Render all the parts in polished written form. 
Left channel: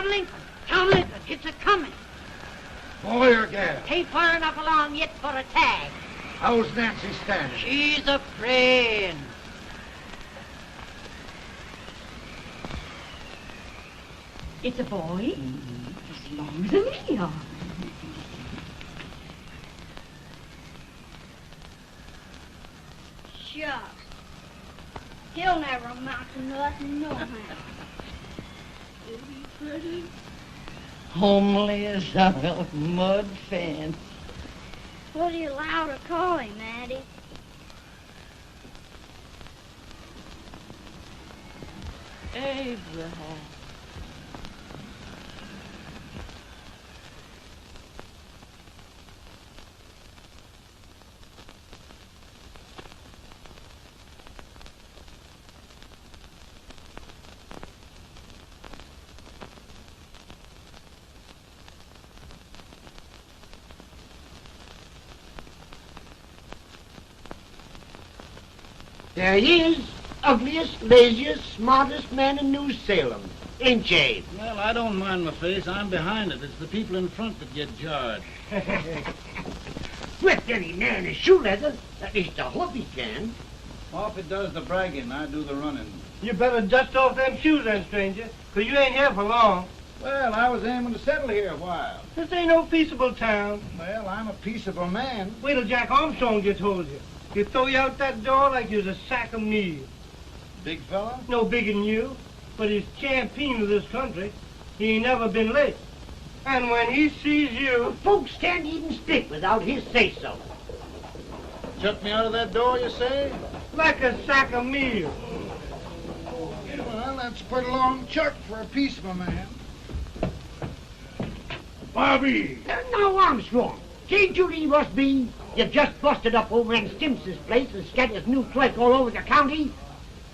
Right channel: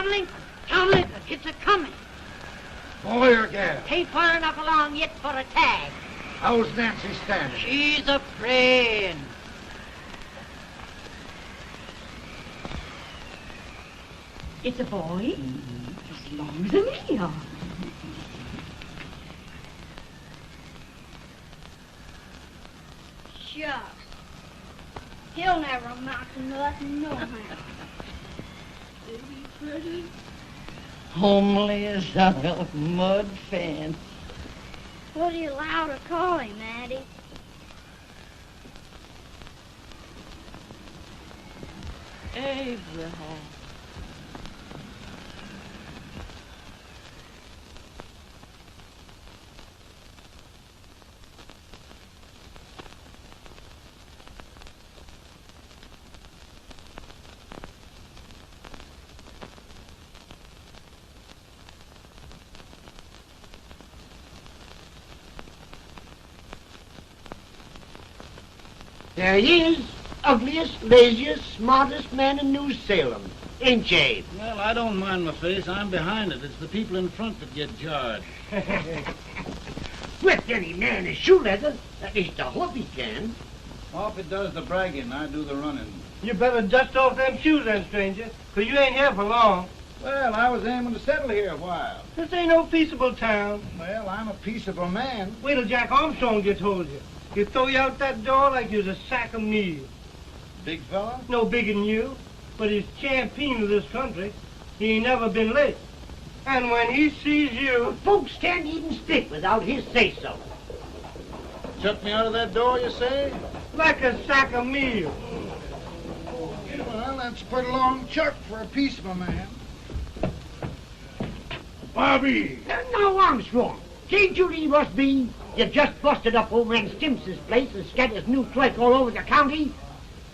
John Lincoln. John Lincoln, it's a-coming. Boy or gal? Ain't far enough along yet for a tag. How's Nancy standing? She's afraid. It's a boy, as long as a me are. Shucks. He'll never amount to nothing, no how. Pretty. Homely as a mud fan. What do you allow to call him, Maddie? Abraham. There he is, ugliest, laziest, smartest man in New Salem, ain't ye? Well, I don't mind my face. I'm behind it. It's the people in front that get jarred. With any man is shoe leather, at least I hope he can. Well, if it does the bragging, I do the running. You better dust off them shoes then, stranger, 'cause you ain't here for long. Well, I was aiming to settle here a while. This ain't no peaceable town. Well, I'm a peaceable man. Wait till Jack Armstrong gets hold of you. He'll throw you out that door like you're a sack of meal. Big fella? No bigger than you, but he's champion of this country. He ain't never been late. And when he sees you... Folks can't even speak without his say-so. Took me out of that door, you say? like a sack of meal. Well, that's a pretty long chuck for a peaceable man. Bobby! Now, Armstrong, can't you leave us be? You just busted up old man Stimpson's place and scattered new clerk all over the county.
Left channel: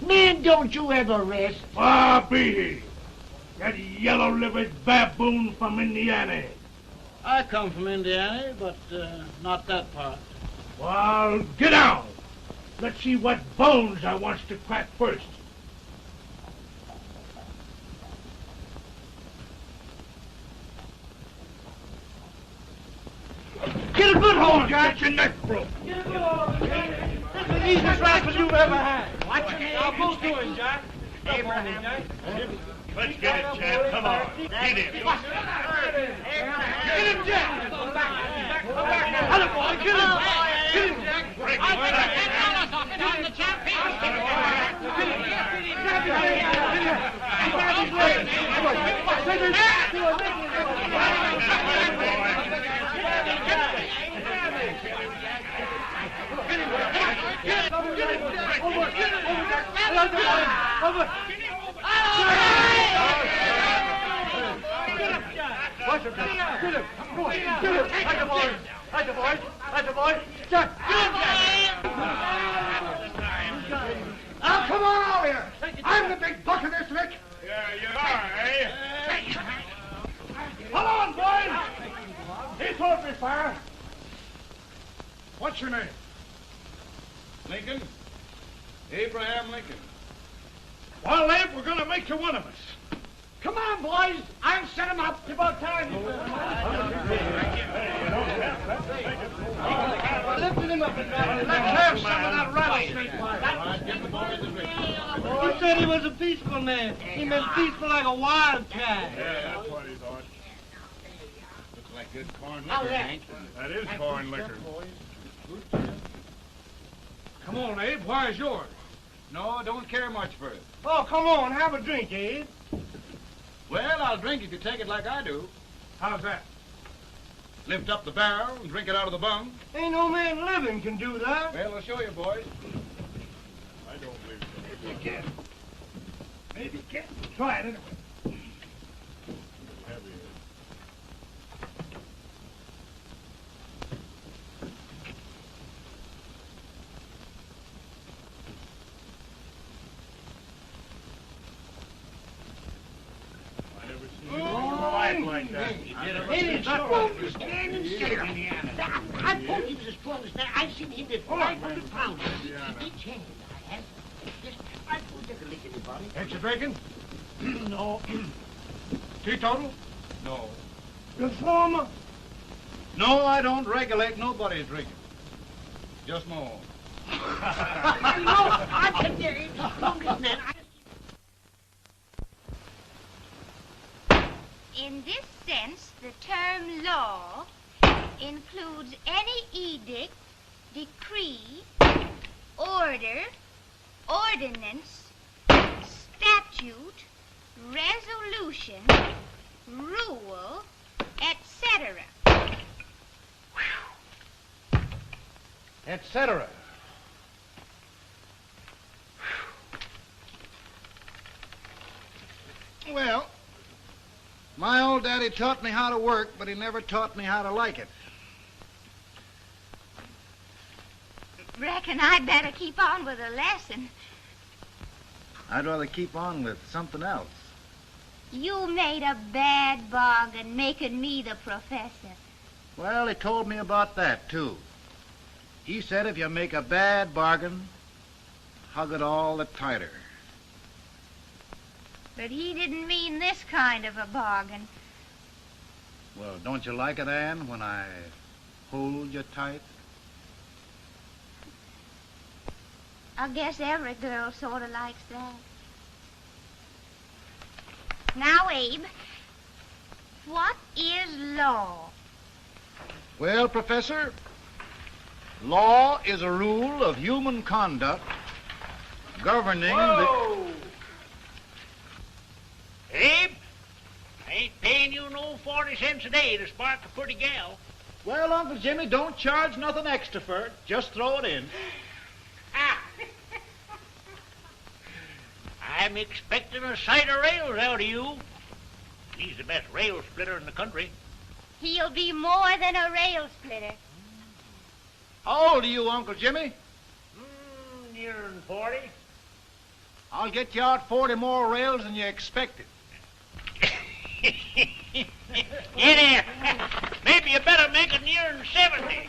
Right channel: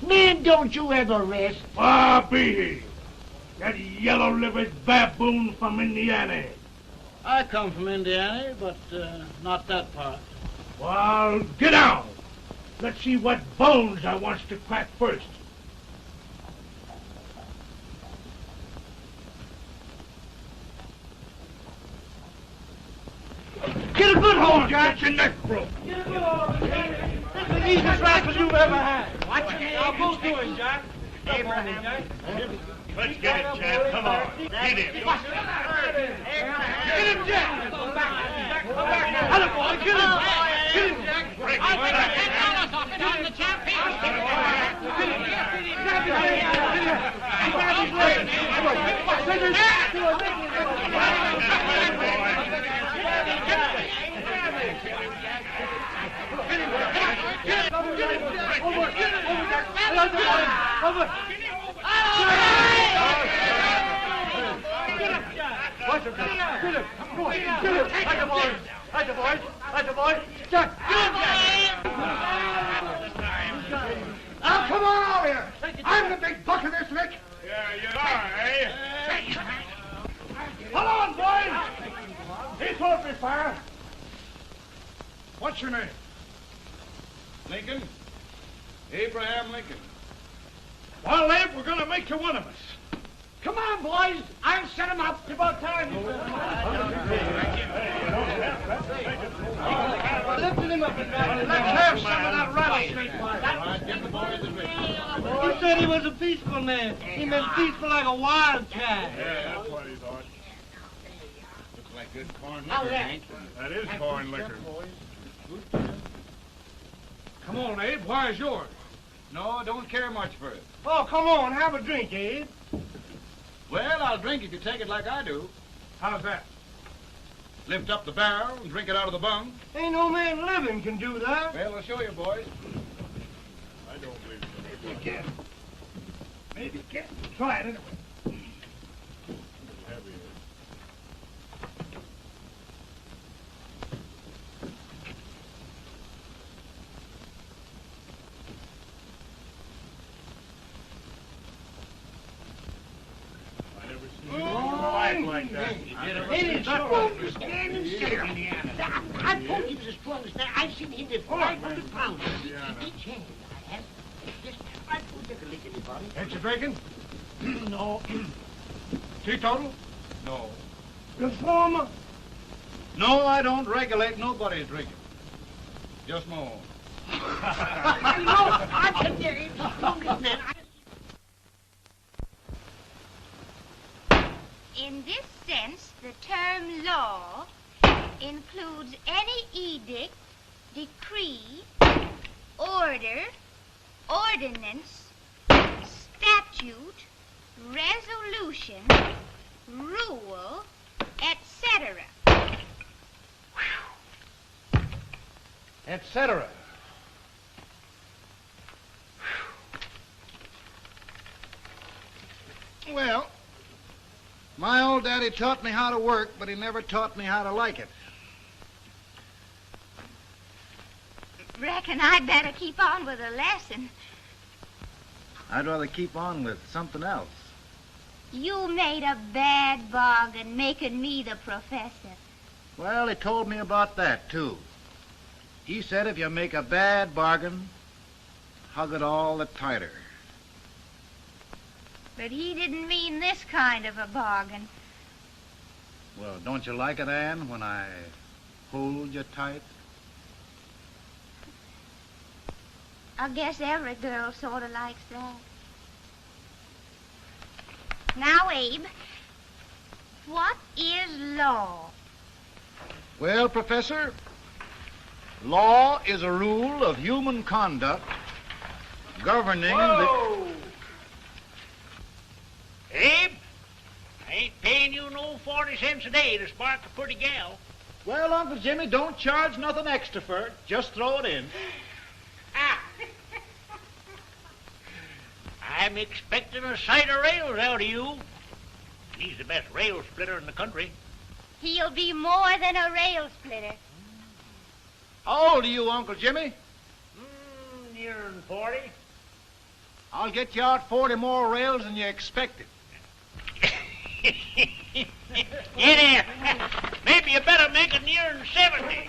Man, don't you ever rest. Bobby! That yellow-livered baboon from Indiana. I come from Indiana, but not that part. Well, get out. Let's see what bones I wants to crack first. Get a good hold, Jack. Get your neck broke. Get a good hold. That's the easiest rifle you've ever had. Watch it. Now, go to it, Jack. Abraham. Let's get it, Jack. Come on. Get it. Get him, Jack. Hello, boy. Get him. Get him, Jack. Break him, Jack. Now, come on over here. I'm the big buck of this lick. Yeah, you are, eh? Come on, boys. He's open fire. What's your name? Lincoln? Abraham Lincoln. Well, Abe, we're going to make you one of us. Come on, boys. I'll set him up. It's about time. Lifted him up and down. Let's have some of that rattlesnake fire. You said he was a peaceful man. He was peaceful like a wildcat. Yeah, that's what he thought. Looks like good corn liquor, Hank. That is corn liquor. Come on, Abe. Where's yours? No, don't care much for it. Oh, come on. Have a drink, Abe. Well, I'll drink if you take it like I do. How's that? Lift up the barrel and drink it out of the bung. Ain't no man living can do that. Well, I'll show you, boys. I don't believe it. Maybe you can. Maybe you can. Try it anyway. I never seen you act like that. It's supposed to stand and stare at me. I told you just to understand. I've seen him at 500 pounds. Each hand I have. I told you to lick anybody. Ain't you drinking? No. Teetotal? No. Reformer? No, I don't regulate nobody's drinking. Just my own. I can get it. In this sense, the term law includes any edict, decree, order, ordinance, statute, resolution, rule, etc. Etc. Well, my old daddy taught me how to work, but he never taught me how to like it. Reckon I'd better keep on with the lesson. I'd rather keep on with something else. You made a bad bargain making me the professor. Well, he told me about that, too. He said if you make a bad bargain, hug it all the tighter. But he didn't mean this kind of a bargain. Well, don't you like it, Ann, when I hold you tight? I guess every girl sort of likes that. Now, Abe, what is law? Well, Professor, law is a rule of human conduct governing Whoa! Abe, I ain't paying you no 40 cents a day to spark a pretty gal. Well, Uncle Jimmy, don't charge nothing extra for it. Just throw it in. Ah. I'm expecting a sight of rails out of you. He's the best rail splitter in the country. He'll be more than a rail splitter. How old are you, Uncle Jimmy? Nearer than 40. I'll get you out 40 more rails than you expected. Get in. Maybe you better make it nearer than 70.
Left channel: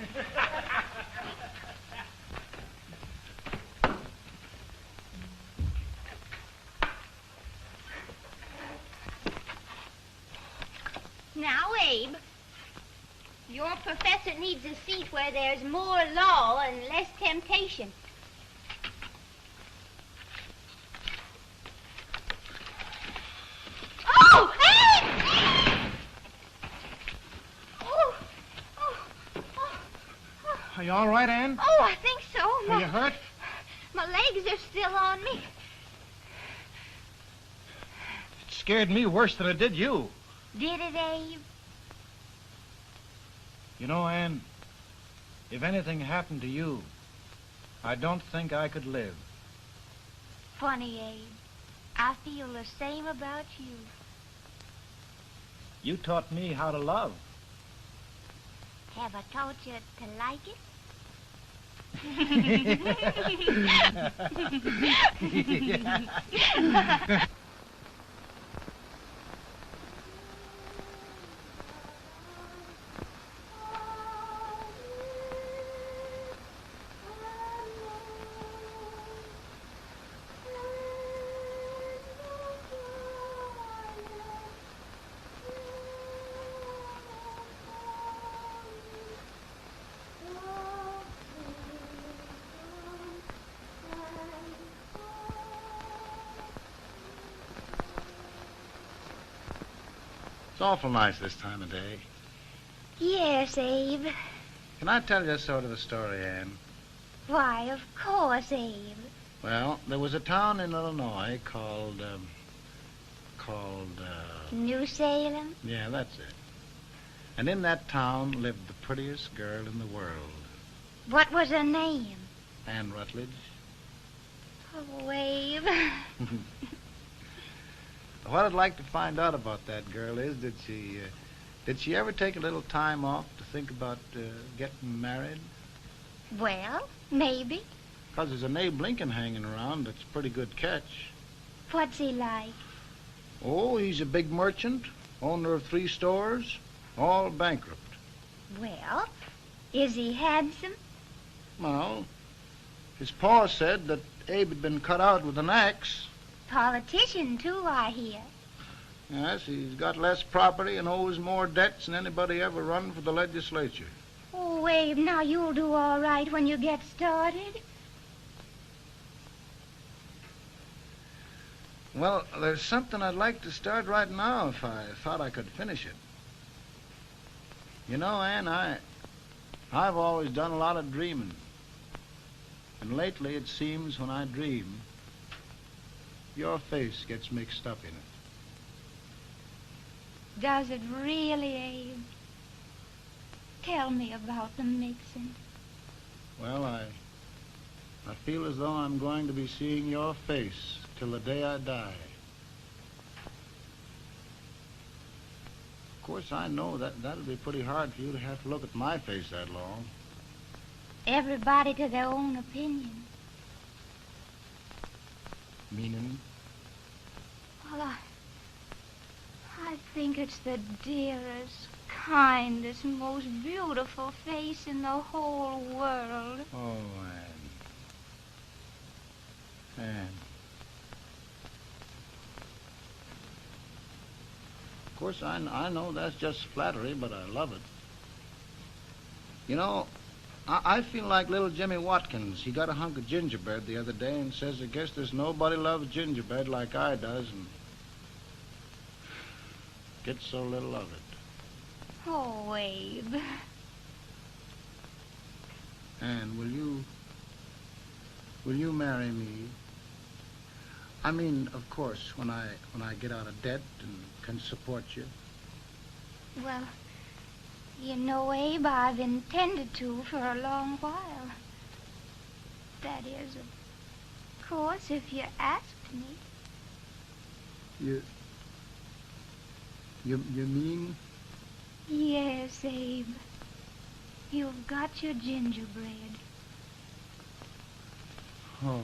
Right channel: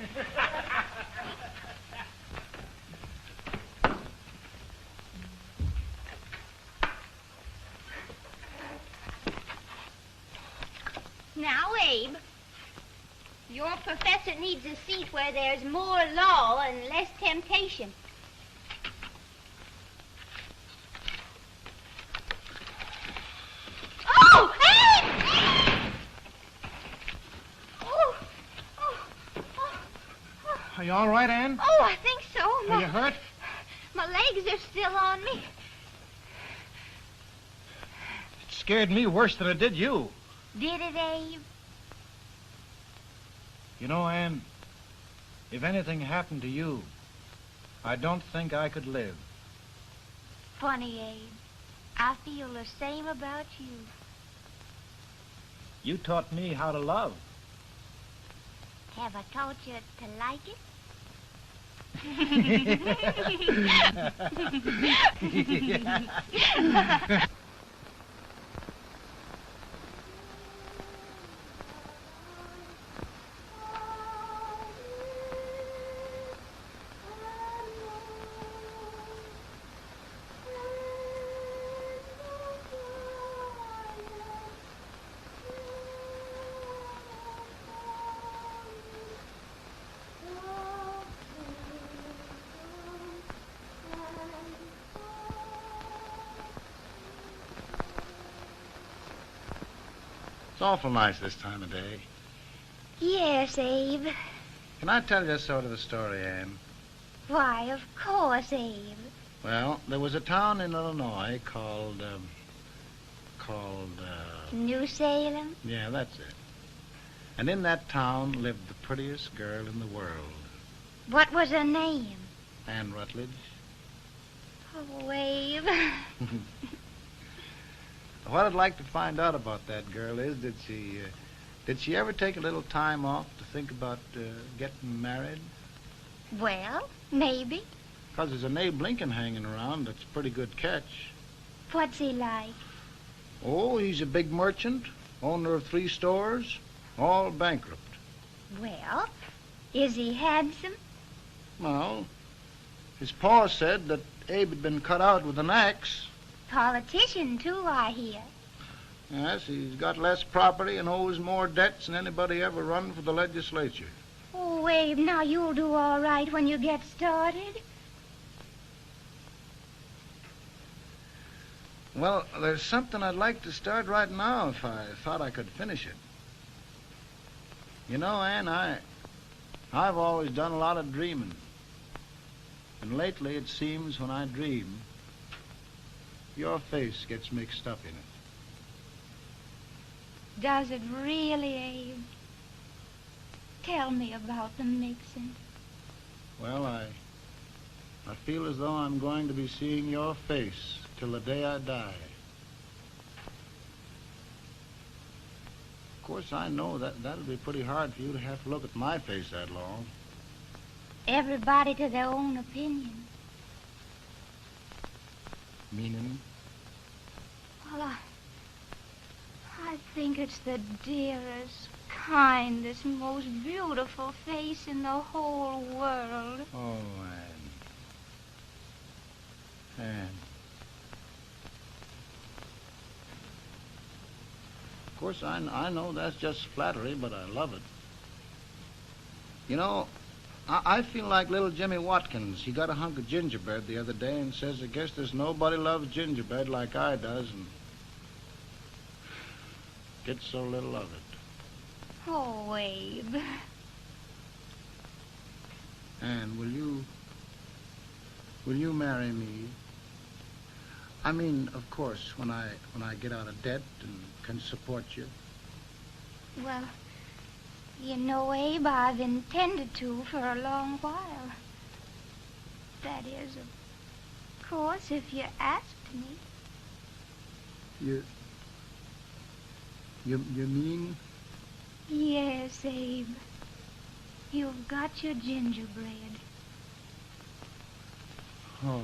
Now, Abe, your professor needs a seat where there's more law and less temptation. Oh, Abe! Are you all right, Ann? Oh, I think so. Are you hurt? My legs are still on me. It scared me worse than it did you. Did it, Abe? You know, Ann, if anything happened to you, I don't think I could live. Funny, Abe. I feel the same about you. You taught me how to love. Have I taught you to like it? It's awful nice this time of day. Yes, Abe. Can I tell you sort of a story, Ann? Why, of course, Abe. Well, there was a town in Illinois called, New Salem? yeah, that's it. And in that town lived the prettiest girl in the world, What was her name? Ann Rutledge. Oh, Abe. What I'd like to find out about that girl is, did she ever take a little time off to think about getting married? Well, maybe. Because there's an Abe Lincoln hanging around that's a pretty good catch. What's he like? Oh, he's a big merchant, owner of 3 stores, all bankrupt. Well, is he handsome? Well, his pa said that Abe had been cut out with an axe. Politician, too, I hear. Yes, he's got less property and owes more debts than anybody ever run for the legislature. Oh, Abe, now you'll do all right when you get started. Well, there's something I'd like to start right now if I thought I could finish it. You know, Ann, I've always done a lot of dreaming. And lately it seems when I dream, your face gets mixed up in it. Does it really, Abe? Tell me about the mixing. Well, I feel as though I'm going to be seeing your face till the day I die. Of course, I know that'll be pretty hard for you to have to look at my face that long. Everybody to their own opinion. Meaning? Well, I think it's the dearest, kindest, most beautiful face in the whole world. Oh, Ann. Of course, I know that's just flattery, but I love it. You know, I feel like little Jimmy Watkins. He got a hunk of gingerbread the other day and says, I guess there's nobody loves gingerbread like I does, and gets so little of it. Oh, Abe. Ann, will you marry me? I mean, of course, when I get out of debt and can support you. Well, you know, Abe, I've intended to for a long while. That is, of course, if you asked me. You mean? Yes, Abe. You've got your gingerbread. Oh,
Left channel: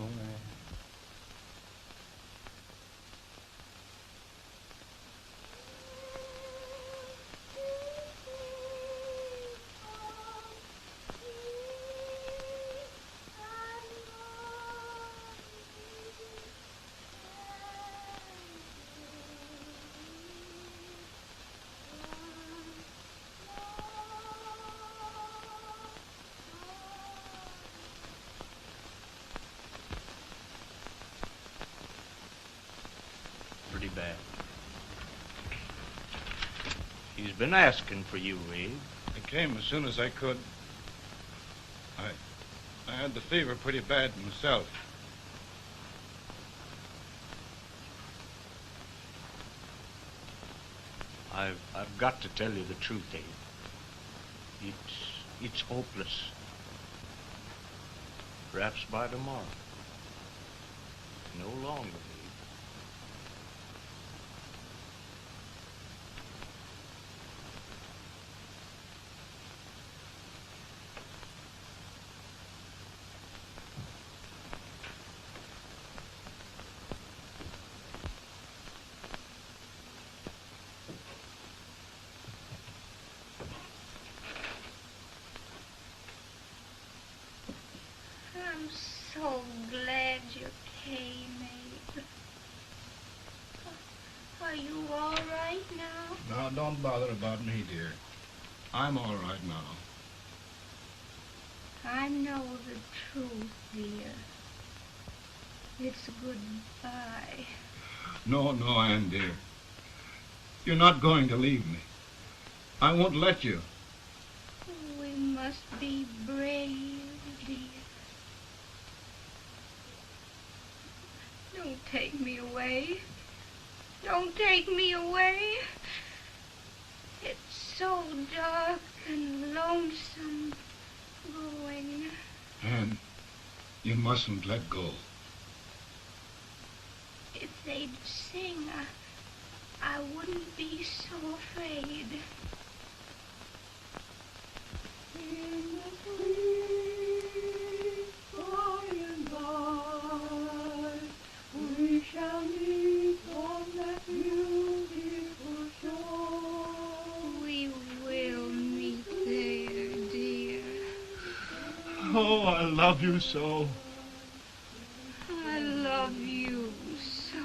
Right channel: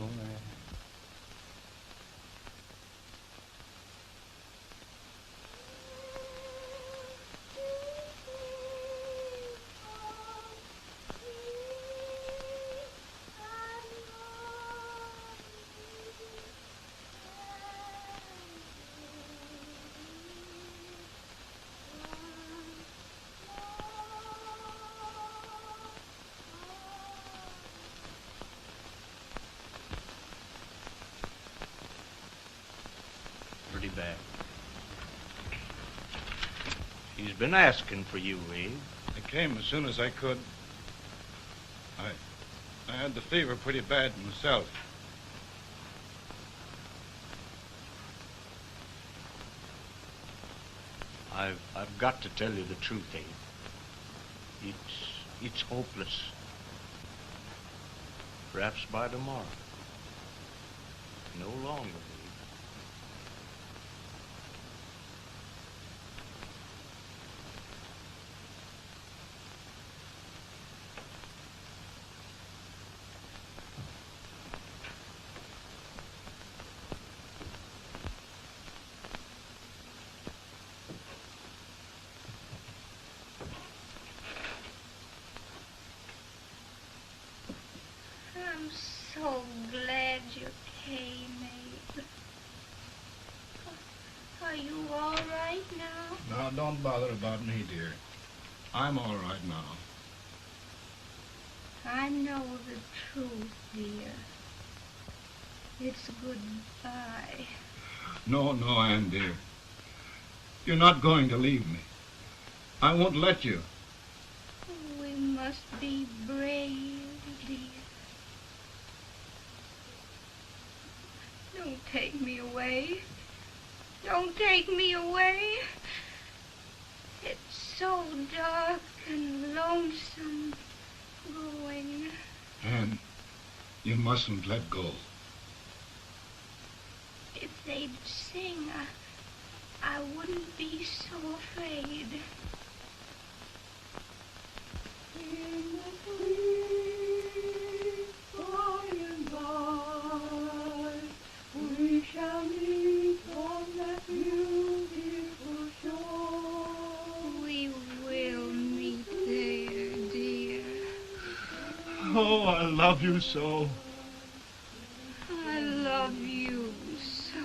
Bad. He's been asking for you, Abe. I came as soon as I could. I had the fever pretty bad myself. I've got to tell you the truth, Abe. It's hopeless. Perhaps by tomorrow. No longer. I'm so glad you came, Abe. Are you all right now? No, don't bother about me, dear. I'm all right now. I know the truth, dear. It's goodbye. No, Ann, dear. You're not going to leave me. I won't let you. We must be brave, dear. Don't take me away. Don't take me away. It's so dark and lonesome going. Ann, you mustn't let go. If they'd sing, I wouldn't be so afraid. We shall meet on that beautiful shore. We will meet there, dear. Oh, I love you so. I love you so.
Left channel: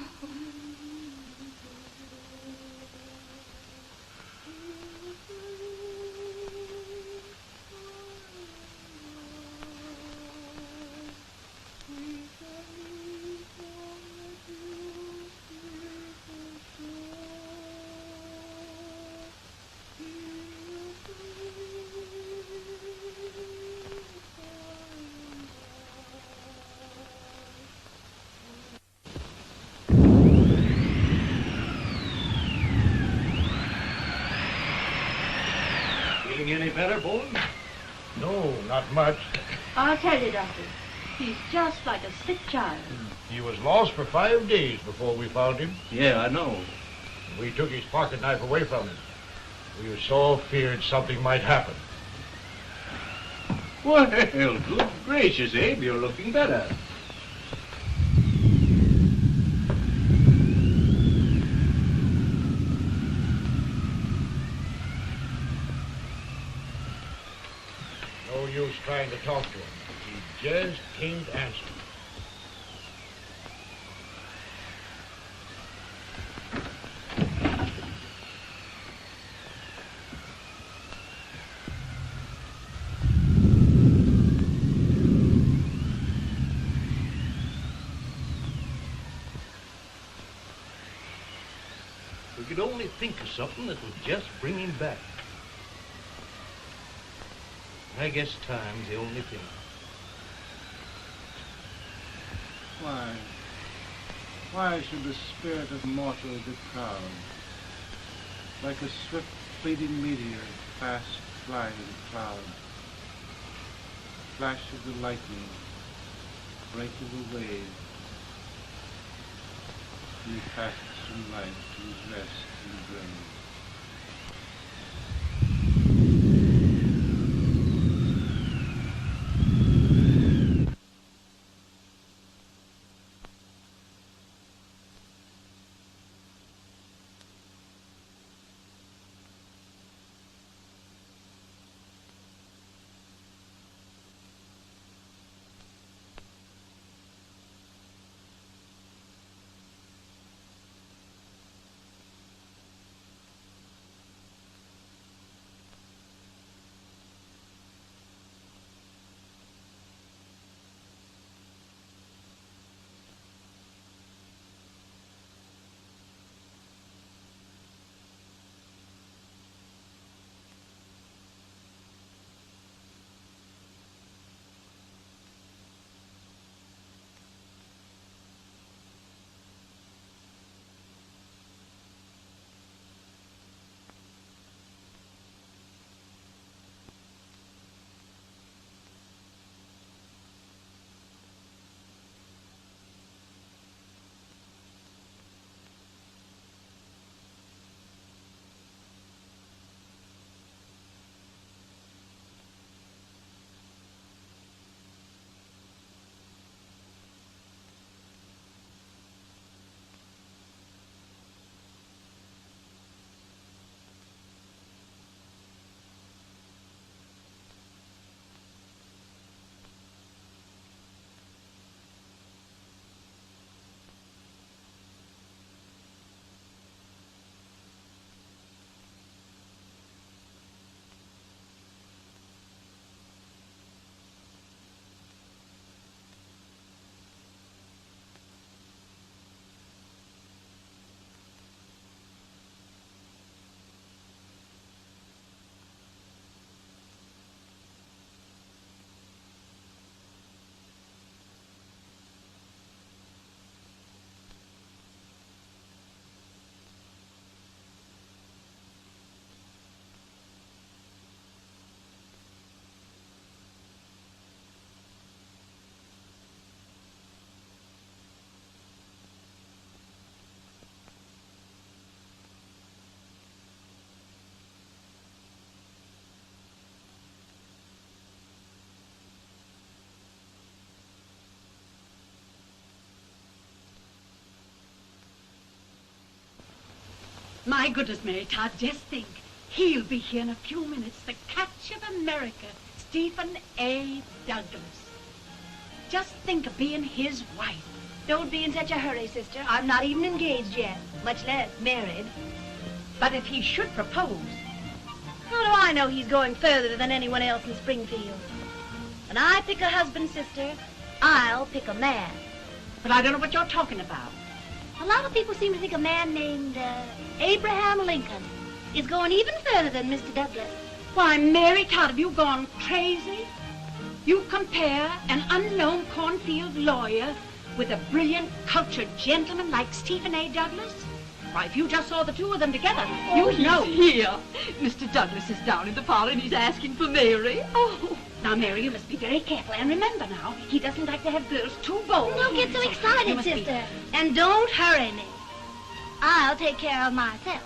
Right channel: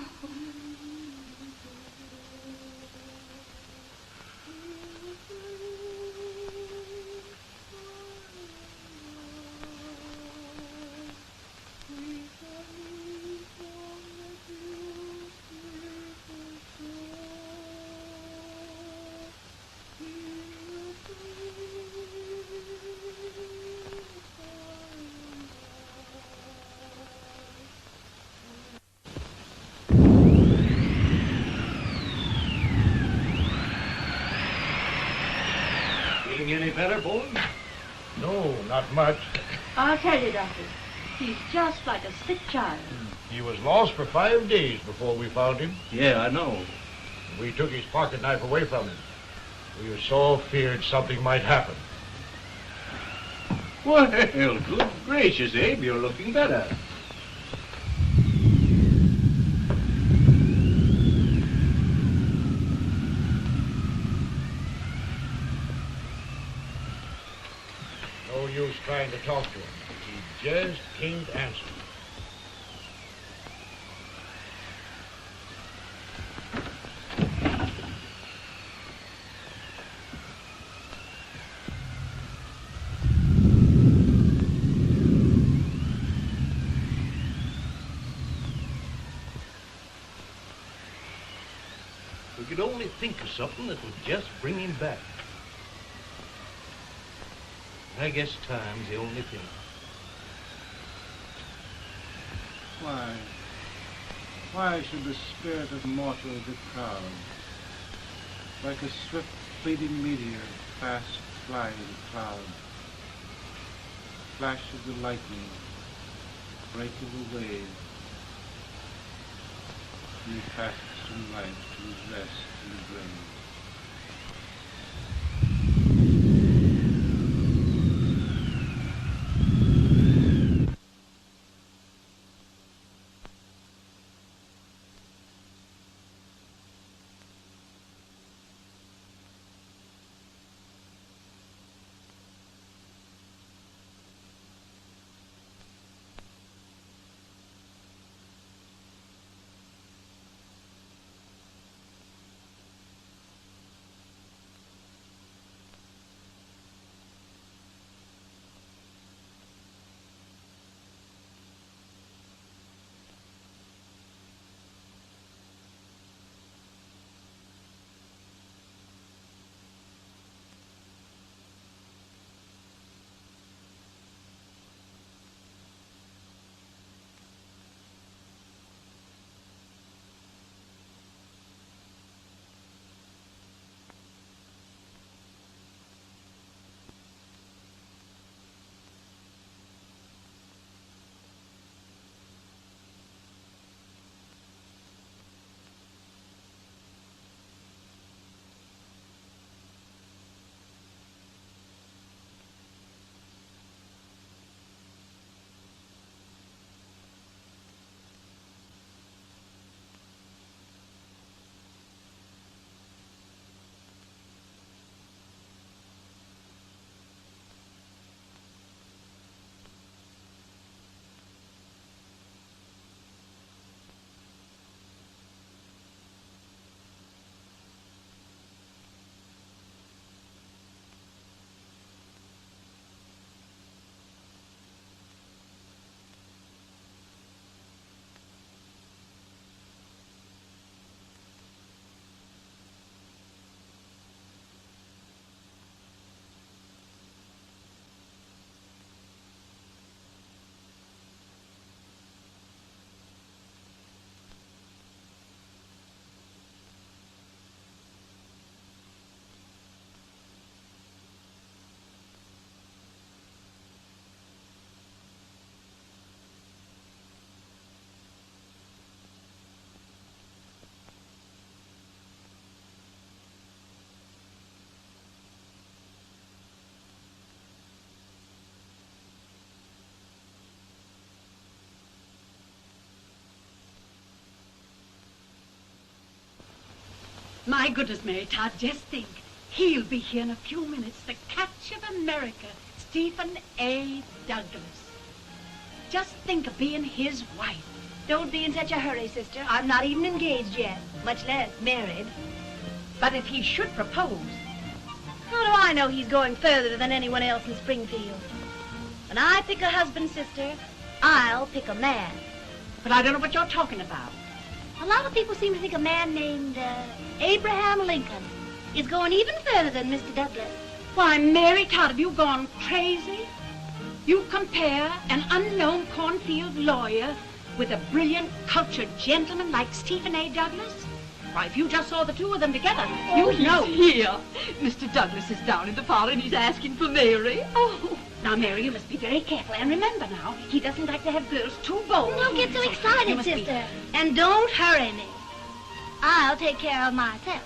matter, boy? No, not much. I'll tell you, Doctor. He's just like a sick child. He was lost for 5 days before we found him. Yeah, I know. We took his pocket knife away from him. We were so feared something might happen. Well, good gracious, Abe, you're looking better. No use trying to talk to him. He just can't answer. We could only think of something that would just bring him back. I guess time's the only thing. Why should the spirit of mortal be proud? Like a swift fleeting meteor, fast flying cloud. Flash of the lightning, break of the wave. He passes through life to his rest in the grave. My goodness, Mary Todd, just think. He'll be here in a few minutes. The catch of America, Stephen A. Douglas. Just think of being his wife. Don't be in such a hurry, sister. I'm not even engaged yet, much less married. But if he should propose... How do I know he's going further than anyone else in Springfield? When I pick a husband, sister, I'll pick a man. But I don't know what you're talking about. A lot of people seem to think a man named Abraham Lincoln is going even further than Mr. Douglas. Why, Mary Todd, have you gone crazy? You compare an unknown cornfield lawyer with a brilliant, cultured gentleman like Stephen A. Douglas? Why, if you just saw the two of them together, Oh, you'd know. Here. Mr. Douglas is down in the parlor and he's asking for Mary. Oh. Now, Mary, you must be very careful. And remember now, he doesn't like to have girls too bold. Don't get so You excited, must be- sister. And don't hurry me. I'll take care of myself.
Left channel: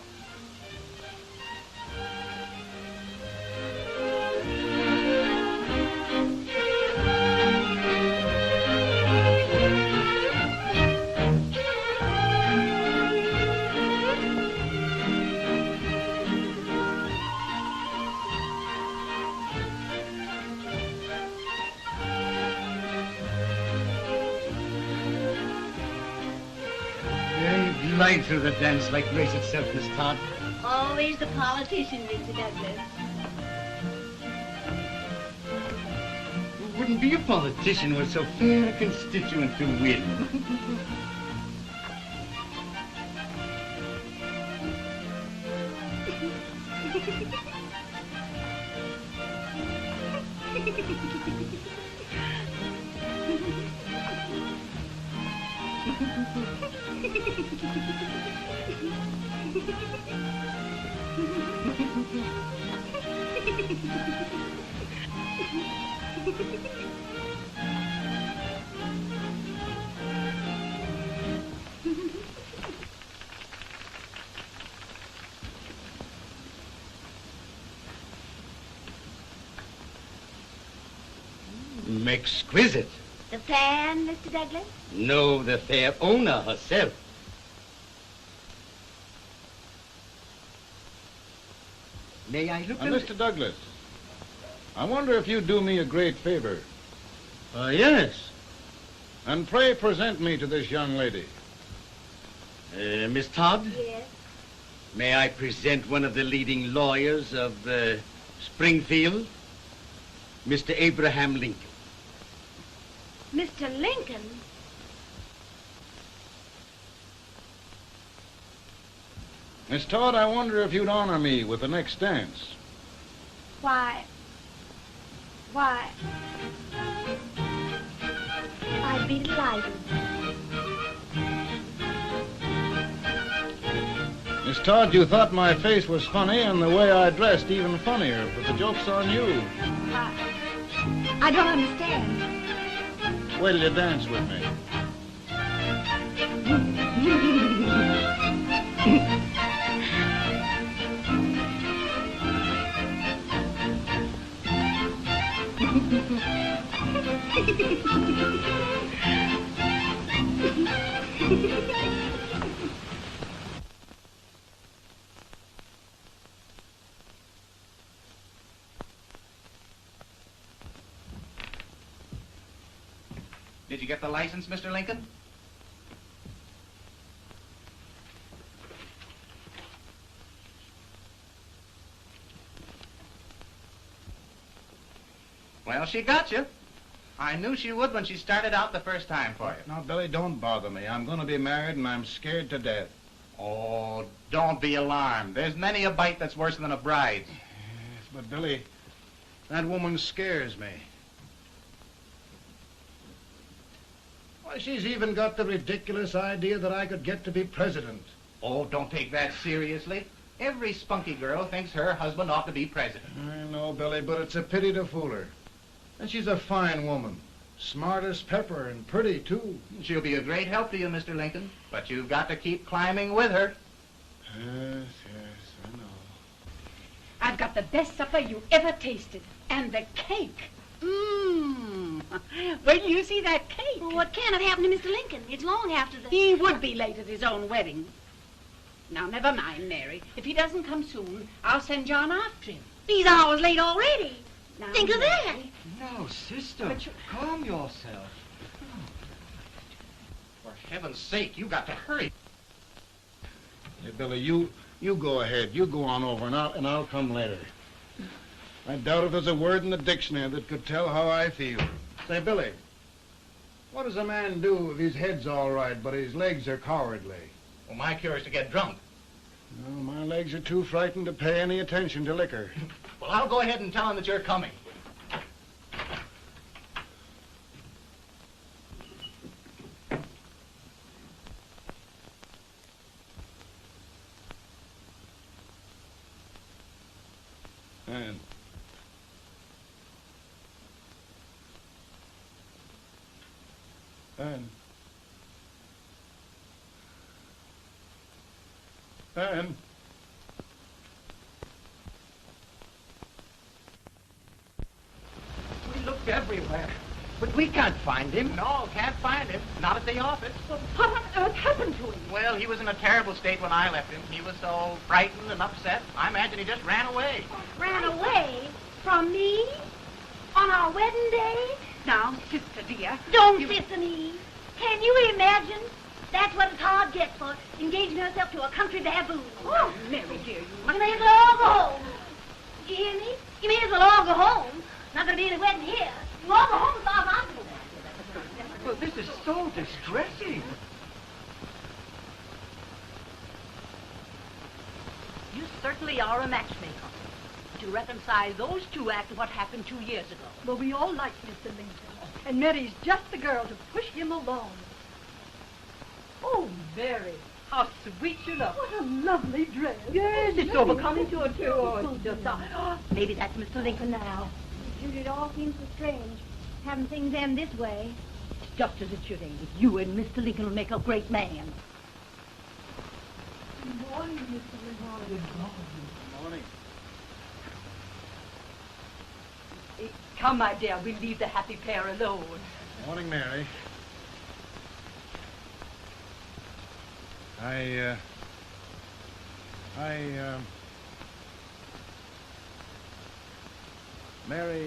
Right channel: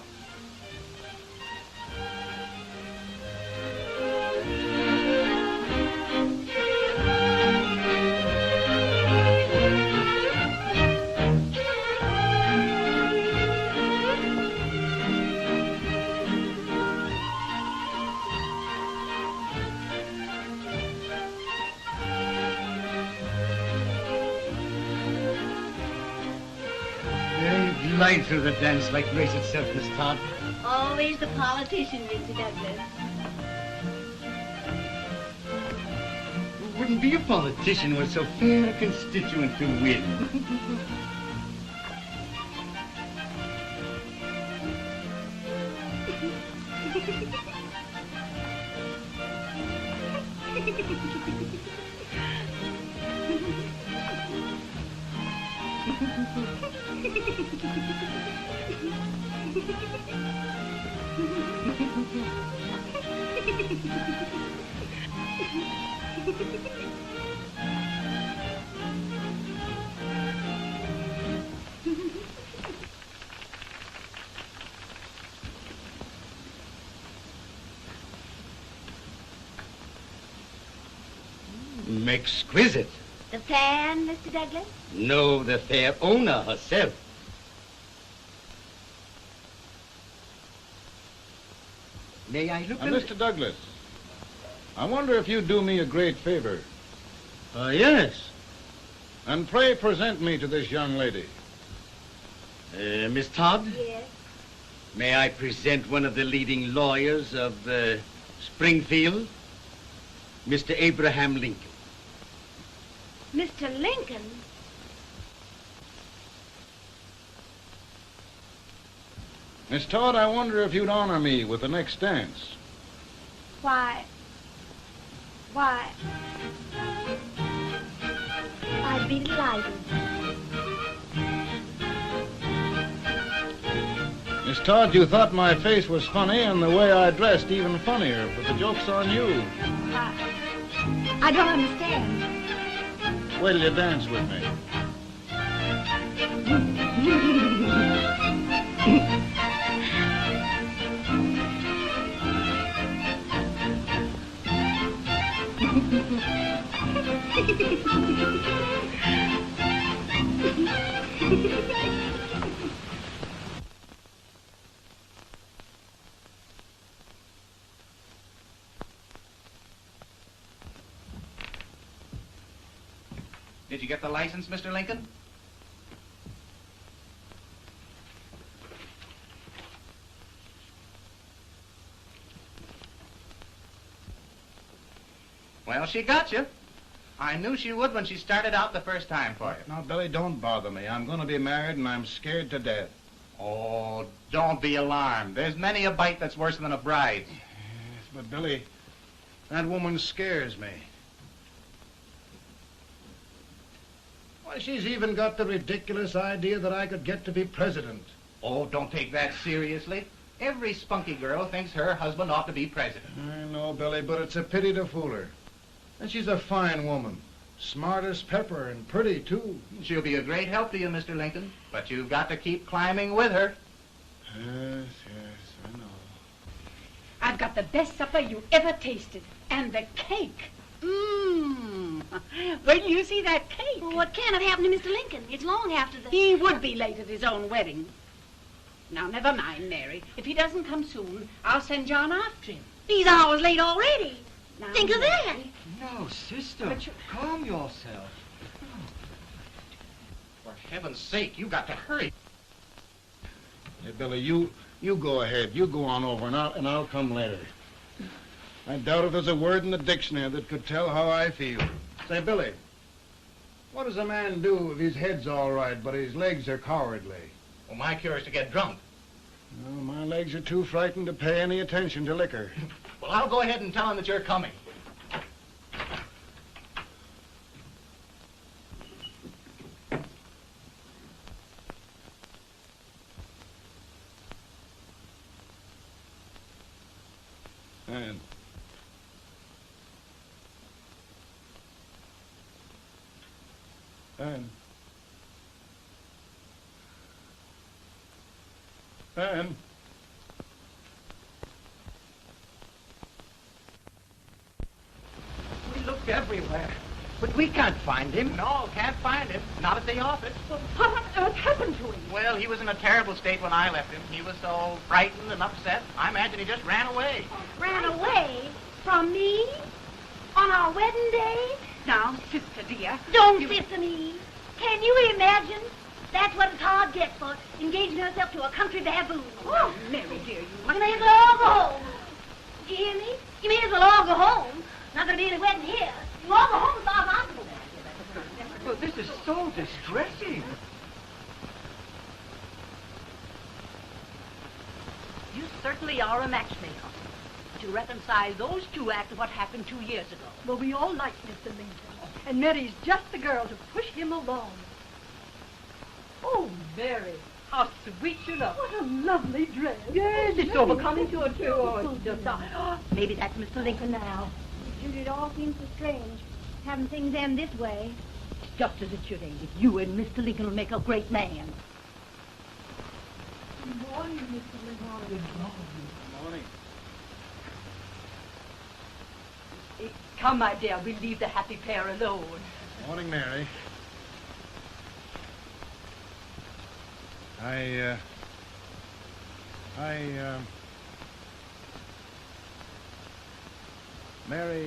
You glide through the dance like grace itself, Miss Todd. Always the politician, Mr. Douglas. It wouldn't be a politician with so fair a constituent to win. Exquisite. The fan, Mr. Douglas? No, the fair owner herself. May I look at it? Mr. Douglas, I wonder if you'd do me a great favor. Yes. And pray present me to this young lady. Miss Todd, Yes. may I present one of the leading lawyers of Springfield, Mr. Abraham Lincoln. Mr. Lincoln? Miss Todd, I wonder if you'd honor me with the next dance. Why, I'd be delighted. Miss Todd, you thought my face was funny and the way I dressed even funnier, but the joke's on you. I don't understand. Wait till you dance with me. Did you get the license, Mr. Lincoln? Well, she got you. I knew she would when she started out the first time for you. Now, Billy, don't bother me. I'm going to be married and I'm scared to death. Oh, don't be alarmed. There's many a bite that's worse than a bride. But, Billy, that woman scares me. Why, she's even got the ridiculous idea that I could get to be president. Oh, don't take that seriously. Every spunky girl thinks her husband ought to be president. I know, Billy, but it's a pity to fool her. And she's a fine woman. Smart as pepper and pretty, too. She'll be a great help to you, Mr. Lincoln. But you've got to keep climbing with her. Yes, I know. I've got the best supper you ever tasted. And the cake. Mmm. Wait till you see that cake. Well, what can have happened to Mr. Lincoln? It's long after the... He would be late at his own wedding. Now, never mind, Mary. If he doesn't come soon, I'll send John after him. He's hours late already. Now, Think of that. Mary. No, sister, But you- calm yourself. For heaven's sake, you got to hurry. Hey, Billy, you go ahead. You go on over, and I'll come later. I doubt if there's a word in the dictionary that could tell how I feel. Say, Billy, what does a man do if his head's all right, but his legs are cowardly? Well, my cure is to get drunk. Well, my legs are too frightened to pay any attention to liquor. Well, I'll go ahead and tell him that you're coming. Ann. Ann. We looked everywhere, but we can't find him. No, can't find him. Not at the office. Well, what on earth happened to him? Well, he was in a terrible state when I left him. He was so frightened and upset. I imagine he just ran away. Ran away from me? On our wedding day? Now, sister dear. Don't listen to me. Can you imagine? That's what a Todd gets for engaging herself to a country baboon. Oh, Mary dear, you... You may as well all go home. Do you hear me? You may as well all go home. Not gonna be any wedding here. You all go home as far as I'm concerned. Well, this is so distressing. You certainly are a matchmaker. To reconcile those two after what happened 2 years ago. Well, we all like Mr. Lincoln. And Mary's just the girl to push him along. Oh, Mary, how sweet you look. What a lovely dress. Yes, it's overcoming to it, too. Oh, just, maybe that's Mr. Lincoln now. Judy, it all seems so strange. Having things end this way. It's just as it should end. You and Mr. Lincoln will make a great man. Good morning, Mr. Lincoln. Good morning. Come, my dear, we'll leave the happy pair alone. Morning, Mary. Mary,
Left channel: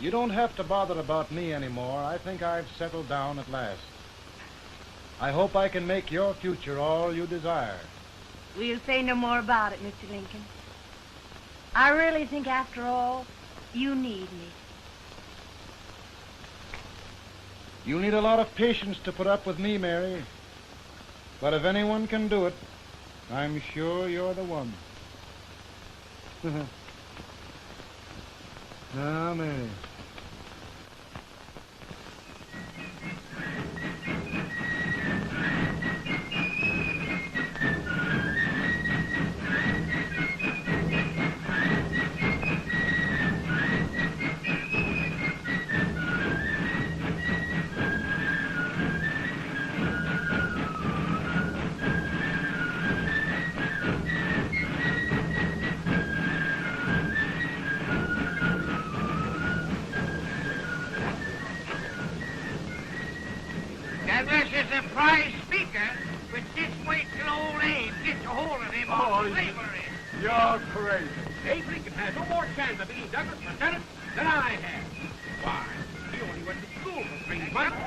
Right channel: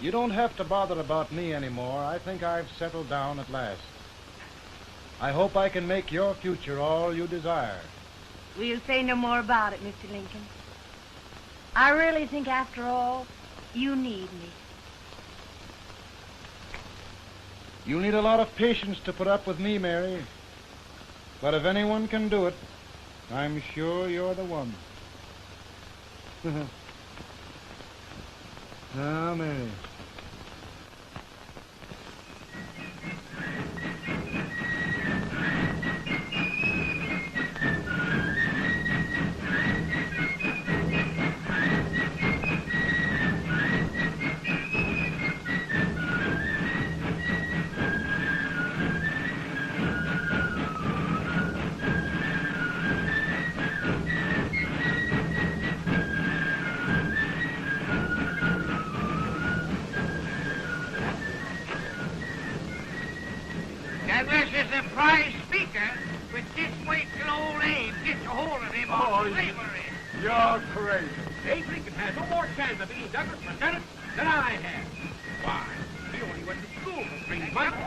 you don't have to bother about me anymore. I think I've settled down at last. I hope I can make your future all you desire. We'll say no more about it, Mr. Lincoln. I really think, after all, you need me. You need a lot of patience to put up with me, Mary. But if anyone can do it, I'm sure you're the one. Amen. Douglas is a prize speaker, but just wait till old Abe gets a hold of him on slavery. You're crazy. Abe Lincoln has no more chance of being Douglas lieutenant than I have. Why, he only went to school for 3 months.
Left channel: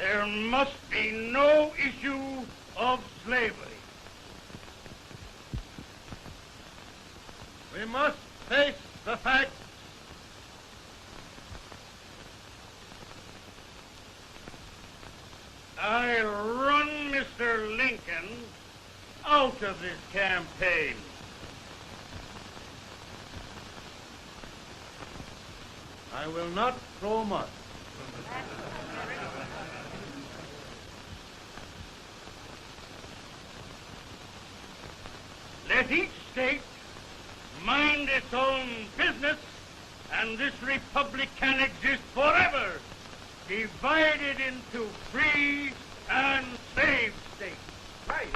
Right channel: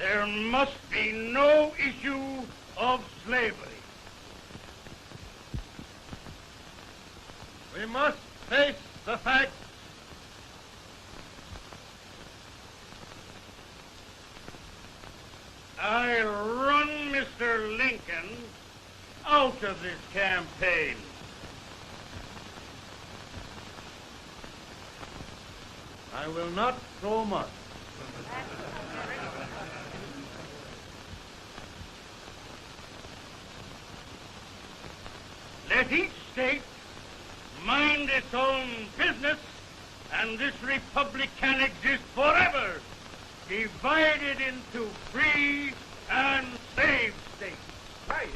There must be no issue of slavery. We must face the fact I run Mr. Lincoln out of his campaign. I will not throw much. Let each state mind its own business, and this republic can exist forever, divided into free and slave states. Right.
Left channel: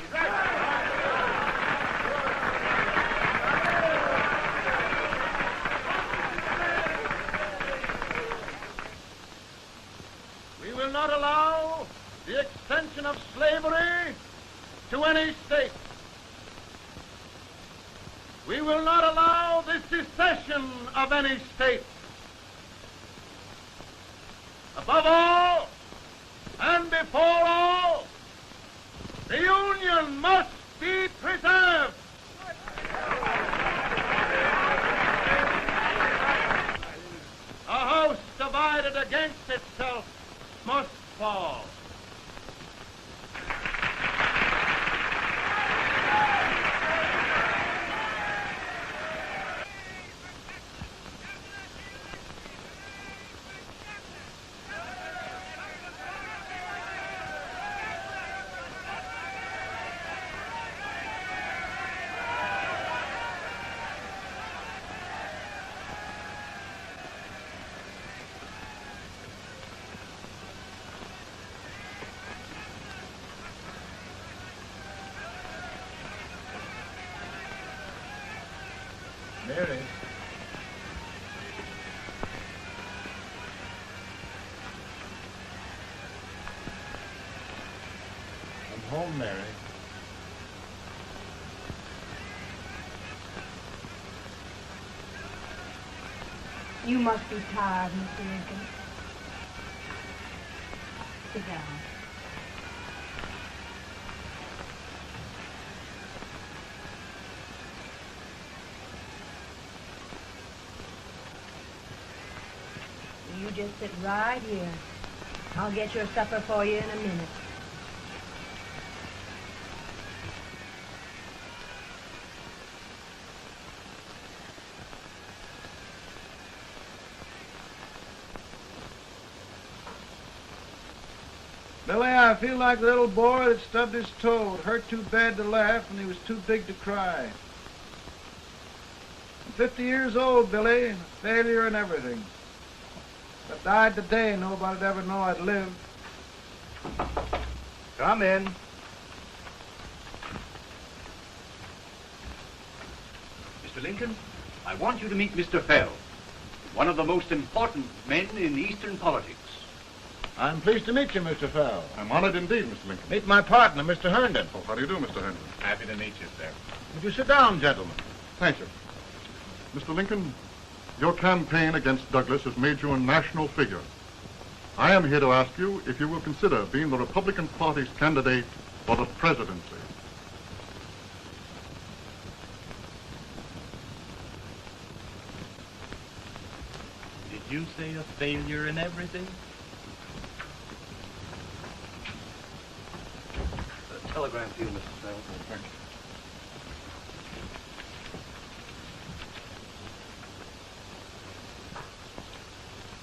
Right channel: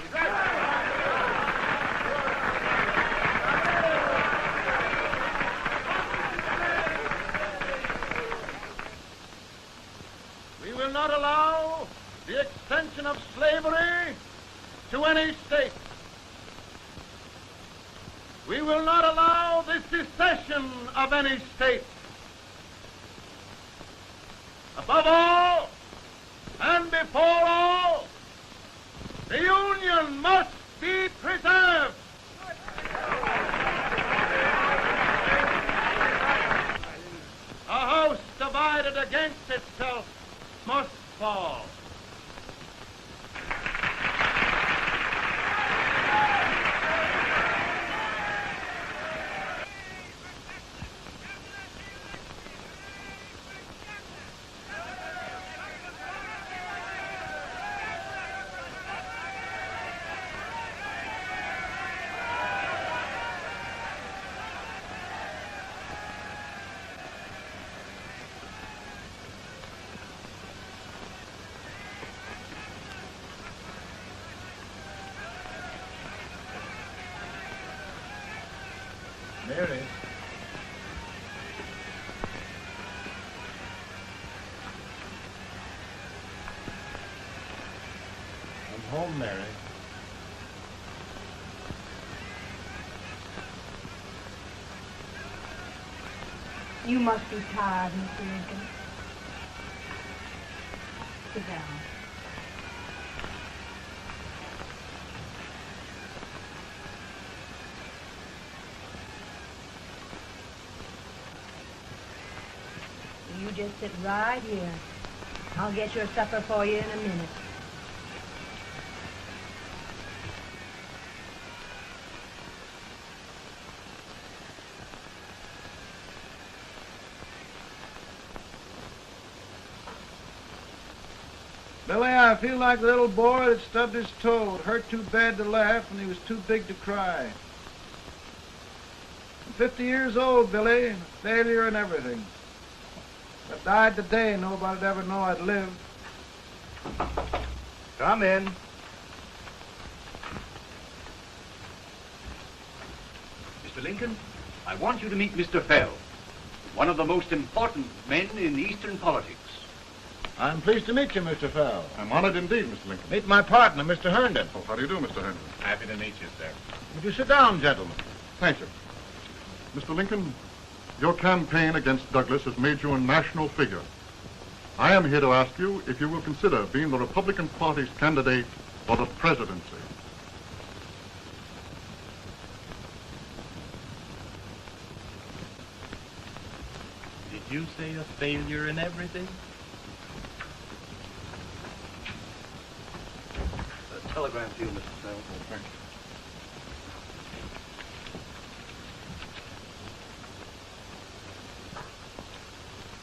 We will not allow the extension of slavery to any state. We will not allow the secession of any state. Above all, and before all, the Union must be preserved. A house divided against itself must fall. Mary. I'm home, Mary. You must be tired, Mr. Lincoln. Sit down. You just sit right here. I'll get your supper for you in a minute. Billy, I feel like a little boy that stubbed his toe. It hurt too bad to laugh, and he was too big to cry. I'm 50 years old, Billy, failure and everything. If I died today, nobody'd ever know I'd lived. Come in. Mr. Lincoln, I want you to meet Mr. Fell, one of the most important men in Eastern politics. I'm pleased to meet you, Mr. Fell. I'm honored indeed, Mr. Lincoln. Meet my partner, Mr. Herndon. Oh, how do you do, Mr. Herndon? Happy to meet you, sir. Would you sit down, gentlemen? Thank you. Mr. Lincoln, your campaign against Douglas has made you a national figure. I am here to ask you if you will consider being the Republican Party's candidate for the presidency. Did you say a failure in everything? Telegram to you, Mr. Fell.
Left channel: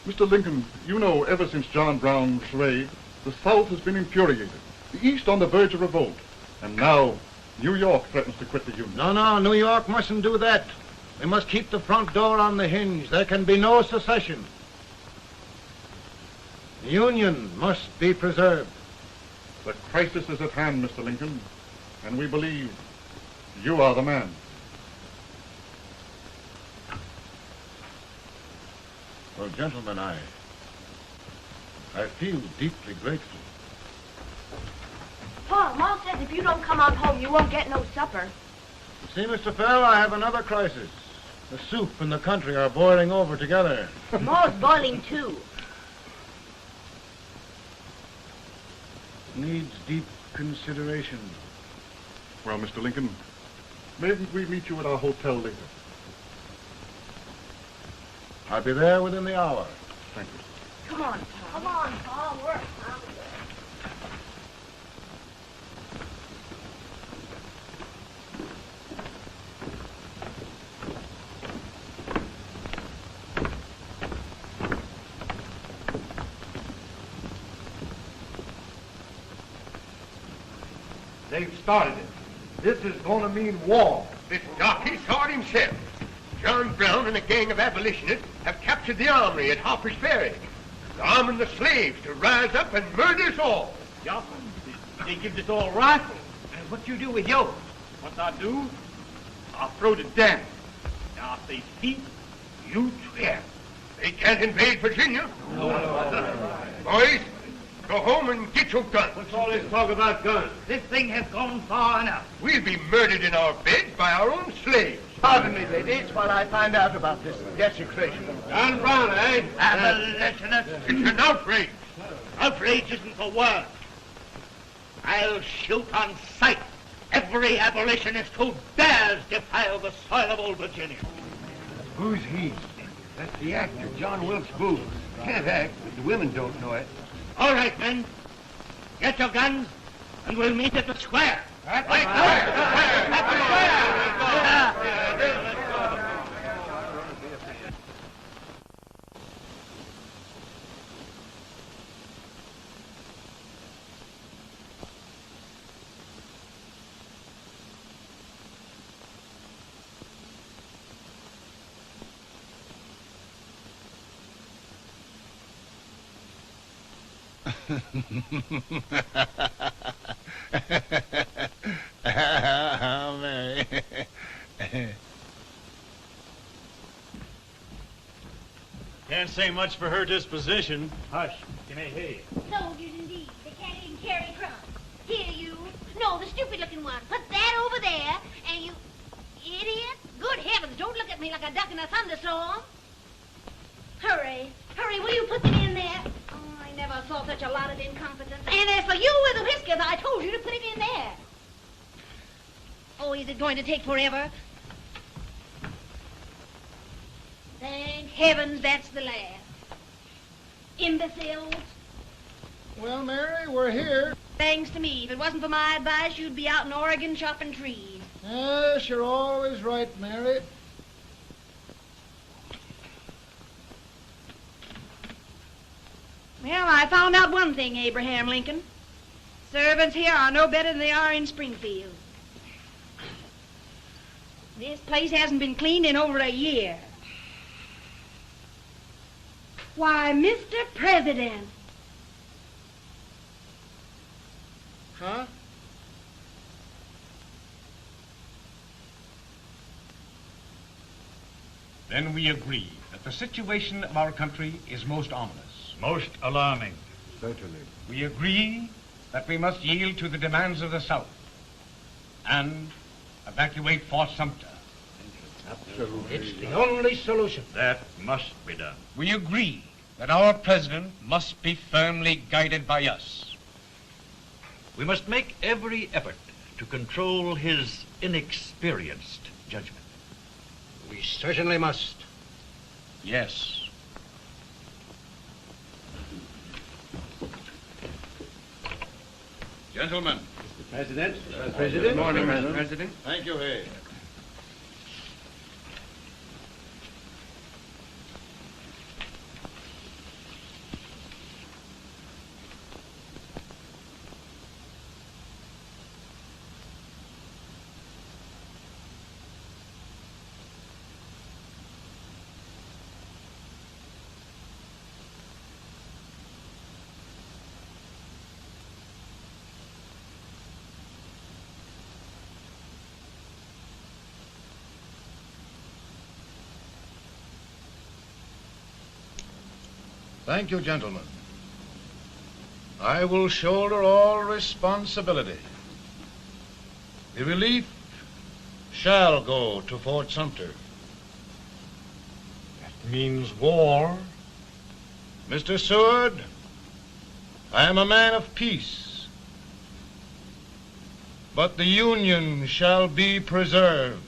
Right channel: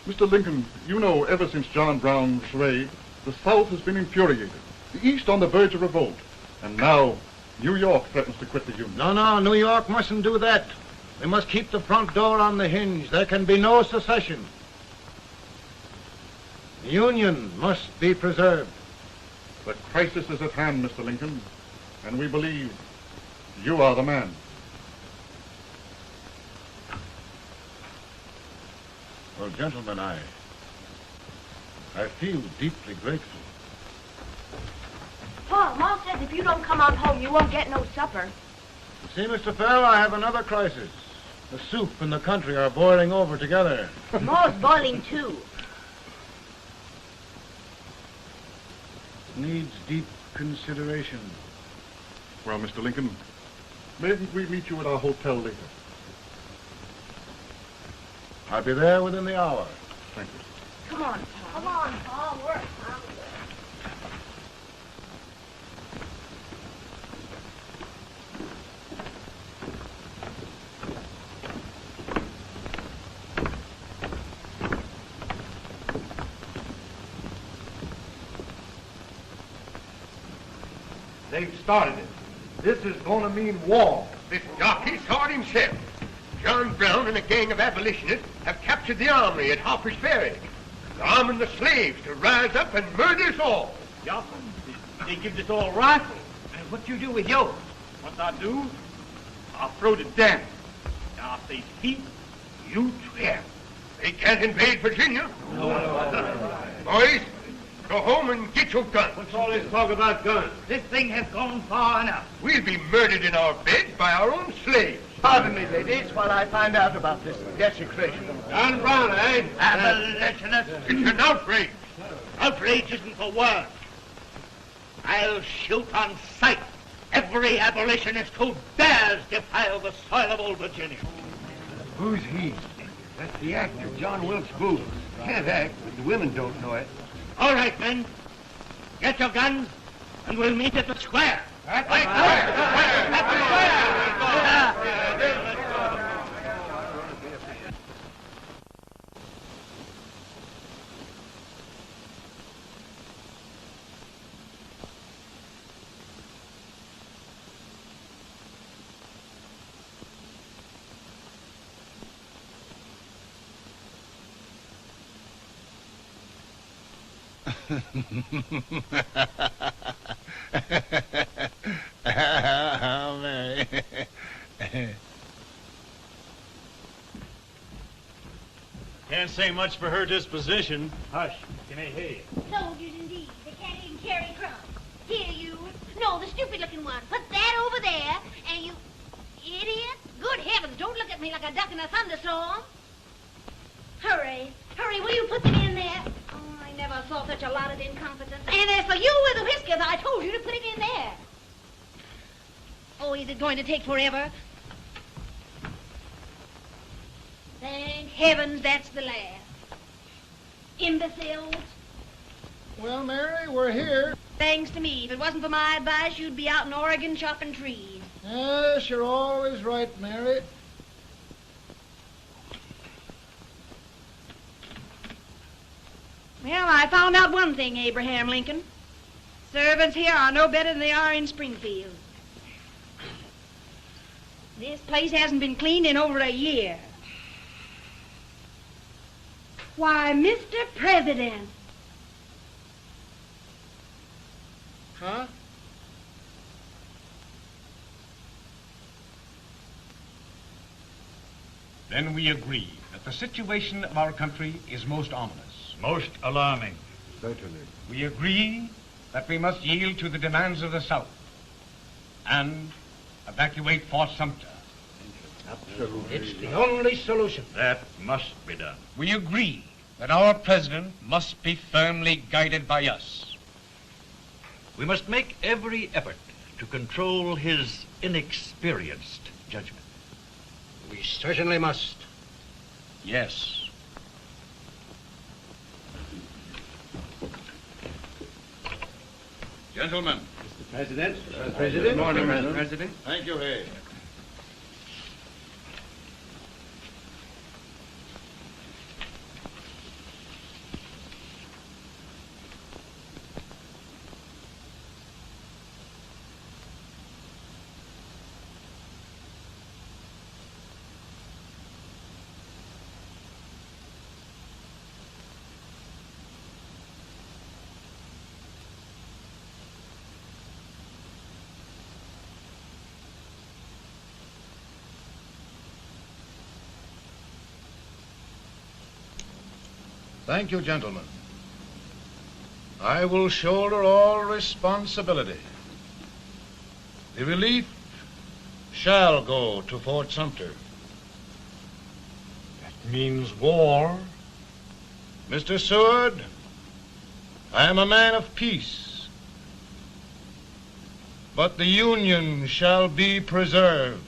Mr. Lincoln, you know ever since John Brown's raid, the South has been infuriated, the East on the verge of revolt, and now New York threatens to quit the Union. No, New York mustn't do that. They must keep the front door on the hinge. There can be no secession. The Union must be preserved. The crisis is at hand, Mr. Lincoln, and we believe you are the man. Well, gentlemen, I feel deeply grateful. Pa, Mom says if you don't come on home, you won't get no supper. See, Mr. Fell, I have another crisis. The soup and the country are boiling over together. More's boiling, too. Needs deep consideration. Well, Mr. Lincoln, maybe we meet you at our hotel later. I'll be there within the hour. Thank you. Come on, Pa. Come on, Pa. Work. They've started it. This is going to mean war. This jockey saw it himself. John Brown and a gang of abolitionists have captured the armory at Harper's Ferry, arming the slaves to rise up and murder us all. Johnson, they give this all rifle. And what you do with yours? What I do? I'll throw it down. Now, if they speak, you swear. They can't invade Virginia. Boys, go home and get your guns. What's all this talk about guns? This thing has gone far enough. We'll be murdered in our beds by our own slaves. Pardon me, ladies, while I find out about this desecration. John Brown, eh? Abolitionists. It's an outrage. Outrage isn't the word. I'll shoot on sight every abolitionist who dares defile the soil of old Virginia. Who's he? That's the actor, John Wilkes Booth. Can't act, but the women don't know it. All right, men. Get your guns, and we'll meet at the square. At the square! can't say much for her disposition. Hush, can I hear you? Soldiers indeed. They can't even carry crumbs. Here, you. No, the stupid-looking one. Put that over there, and you... Idiot. Good heavens, don't look at me like a duck in a thunderstorm. Hurry. Hurry, will you put them in there? Oh, I never saw such a lot of incompetence. And as for you with the whiskers, I told you to put it in there. Oh, is it going to take forever? Thank heavens that's the last. Imbeciles. Well, Mary, we're here. Thanks to me. If it wasn't for my advice, you'd be out in Oregon chopping trees. Yes, you're always right, Mary. Well, I found out one thing, Abraham Lincoln. Servants here are no better than they are in Springfield. This place hasn't been cleaned in over a year. Why, Mr. President. Huh? Then we agree that the situation of our country is most ominous. Most alarming. Certainly. We agree that we must yield to the demands of the South and evacuate Fort Sumter. It's the only solution. That must be done. We agree that our president must be firmly guided by us. We must make every effort to control his inexperienced judgment. We certainly must. Yes. Gentlemen. Mr. President. Mr. President. Good morning, Mr. President. Thank you, Hay. Thank you, gentlemen. I will shoulder all responsibility. The relief shall go to Fort Sumter. That means war. Mr. Seward, I am a man of peace. But the Union shall be preserved.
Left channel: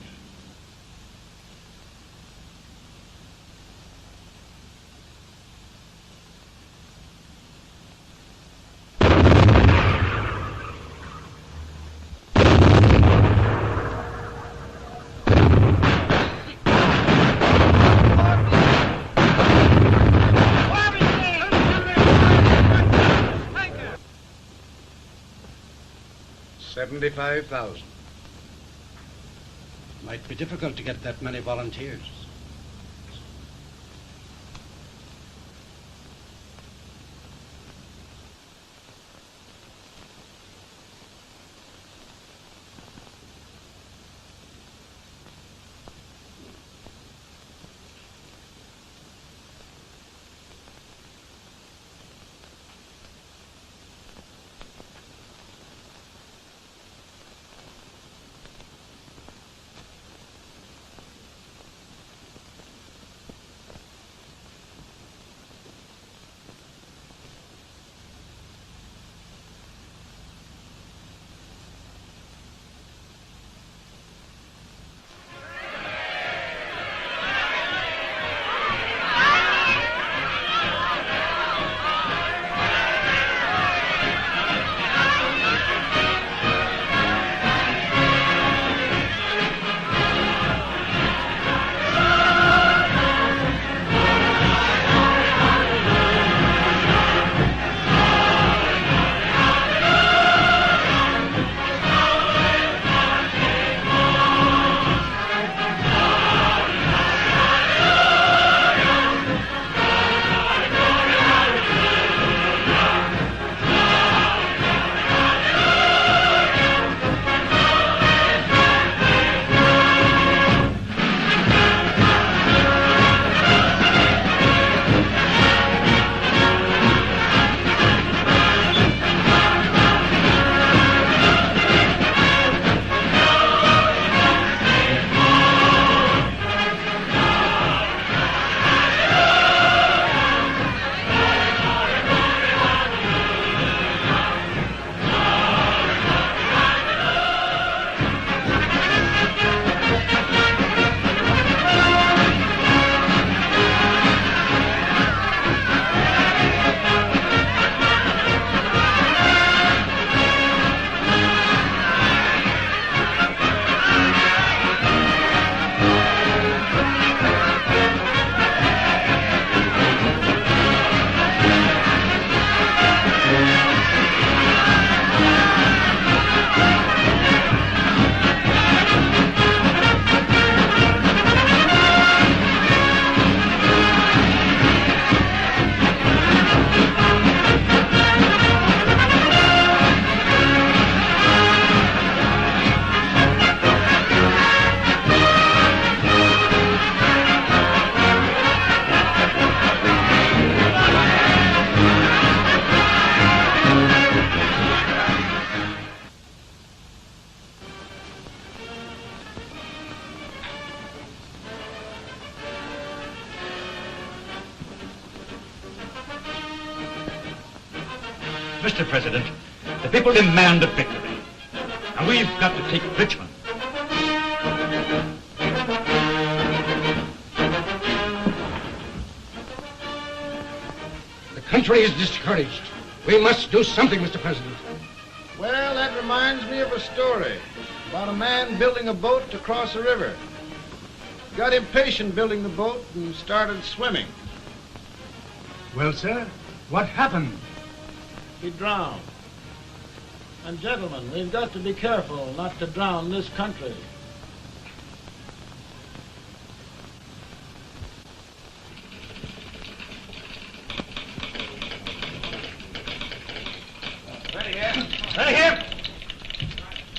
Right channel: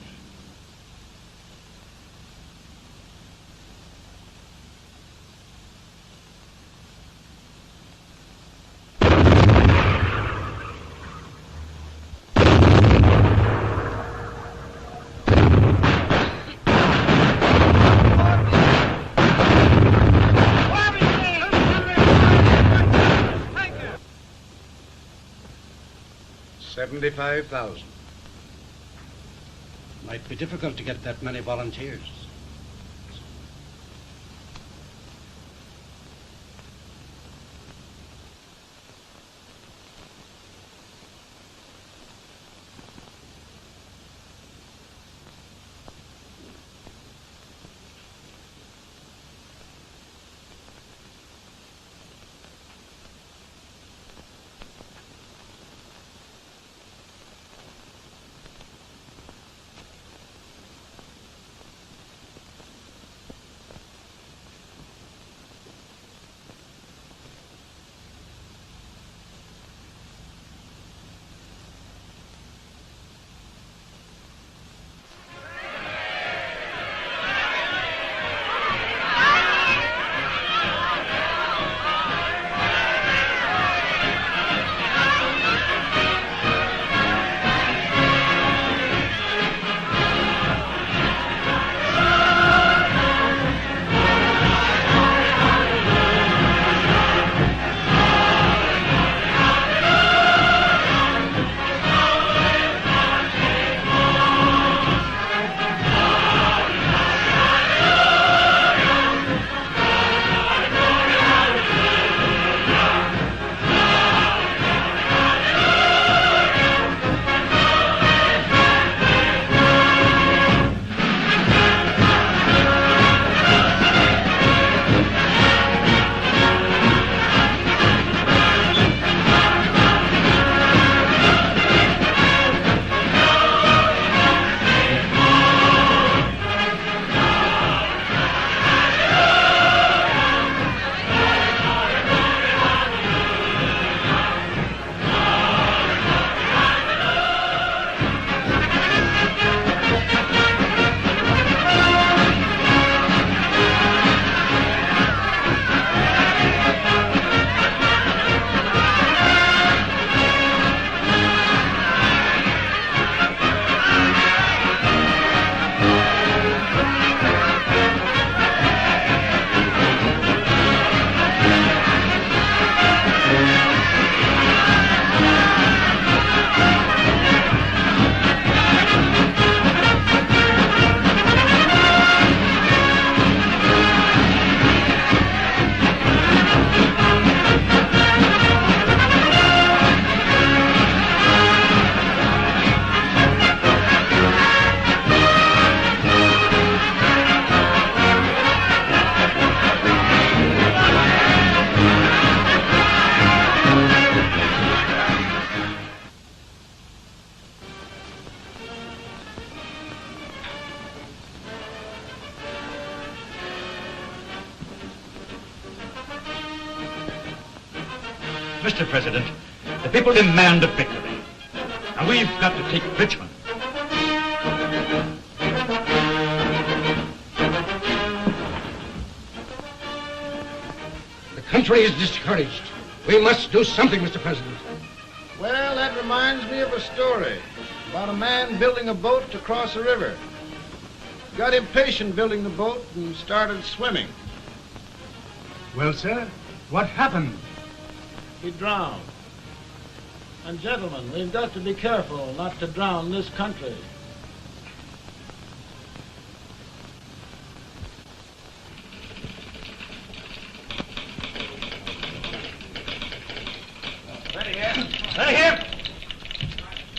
$75,000. Might be difficult to get that many volunteers. Mr. President, the people demand a victory. And we've got to take Richmond. The country is discouraged. We must do something, Mr. President. Well, that reminds me of a story about a man building a boat to cross a river. Got impatient building the boat and started swimming. Well, sir, what happened? He drowned. And gentlemen, we've got to be careful not to drown this country. Ready here. Ready here.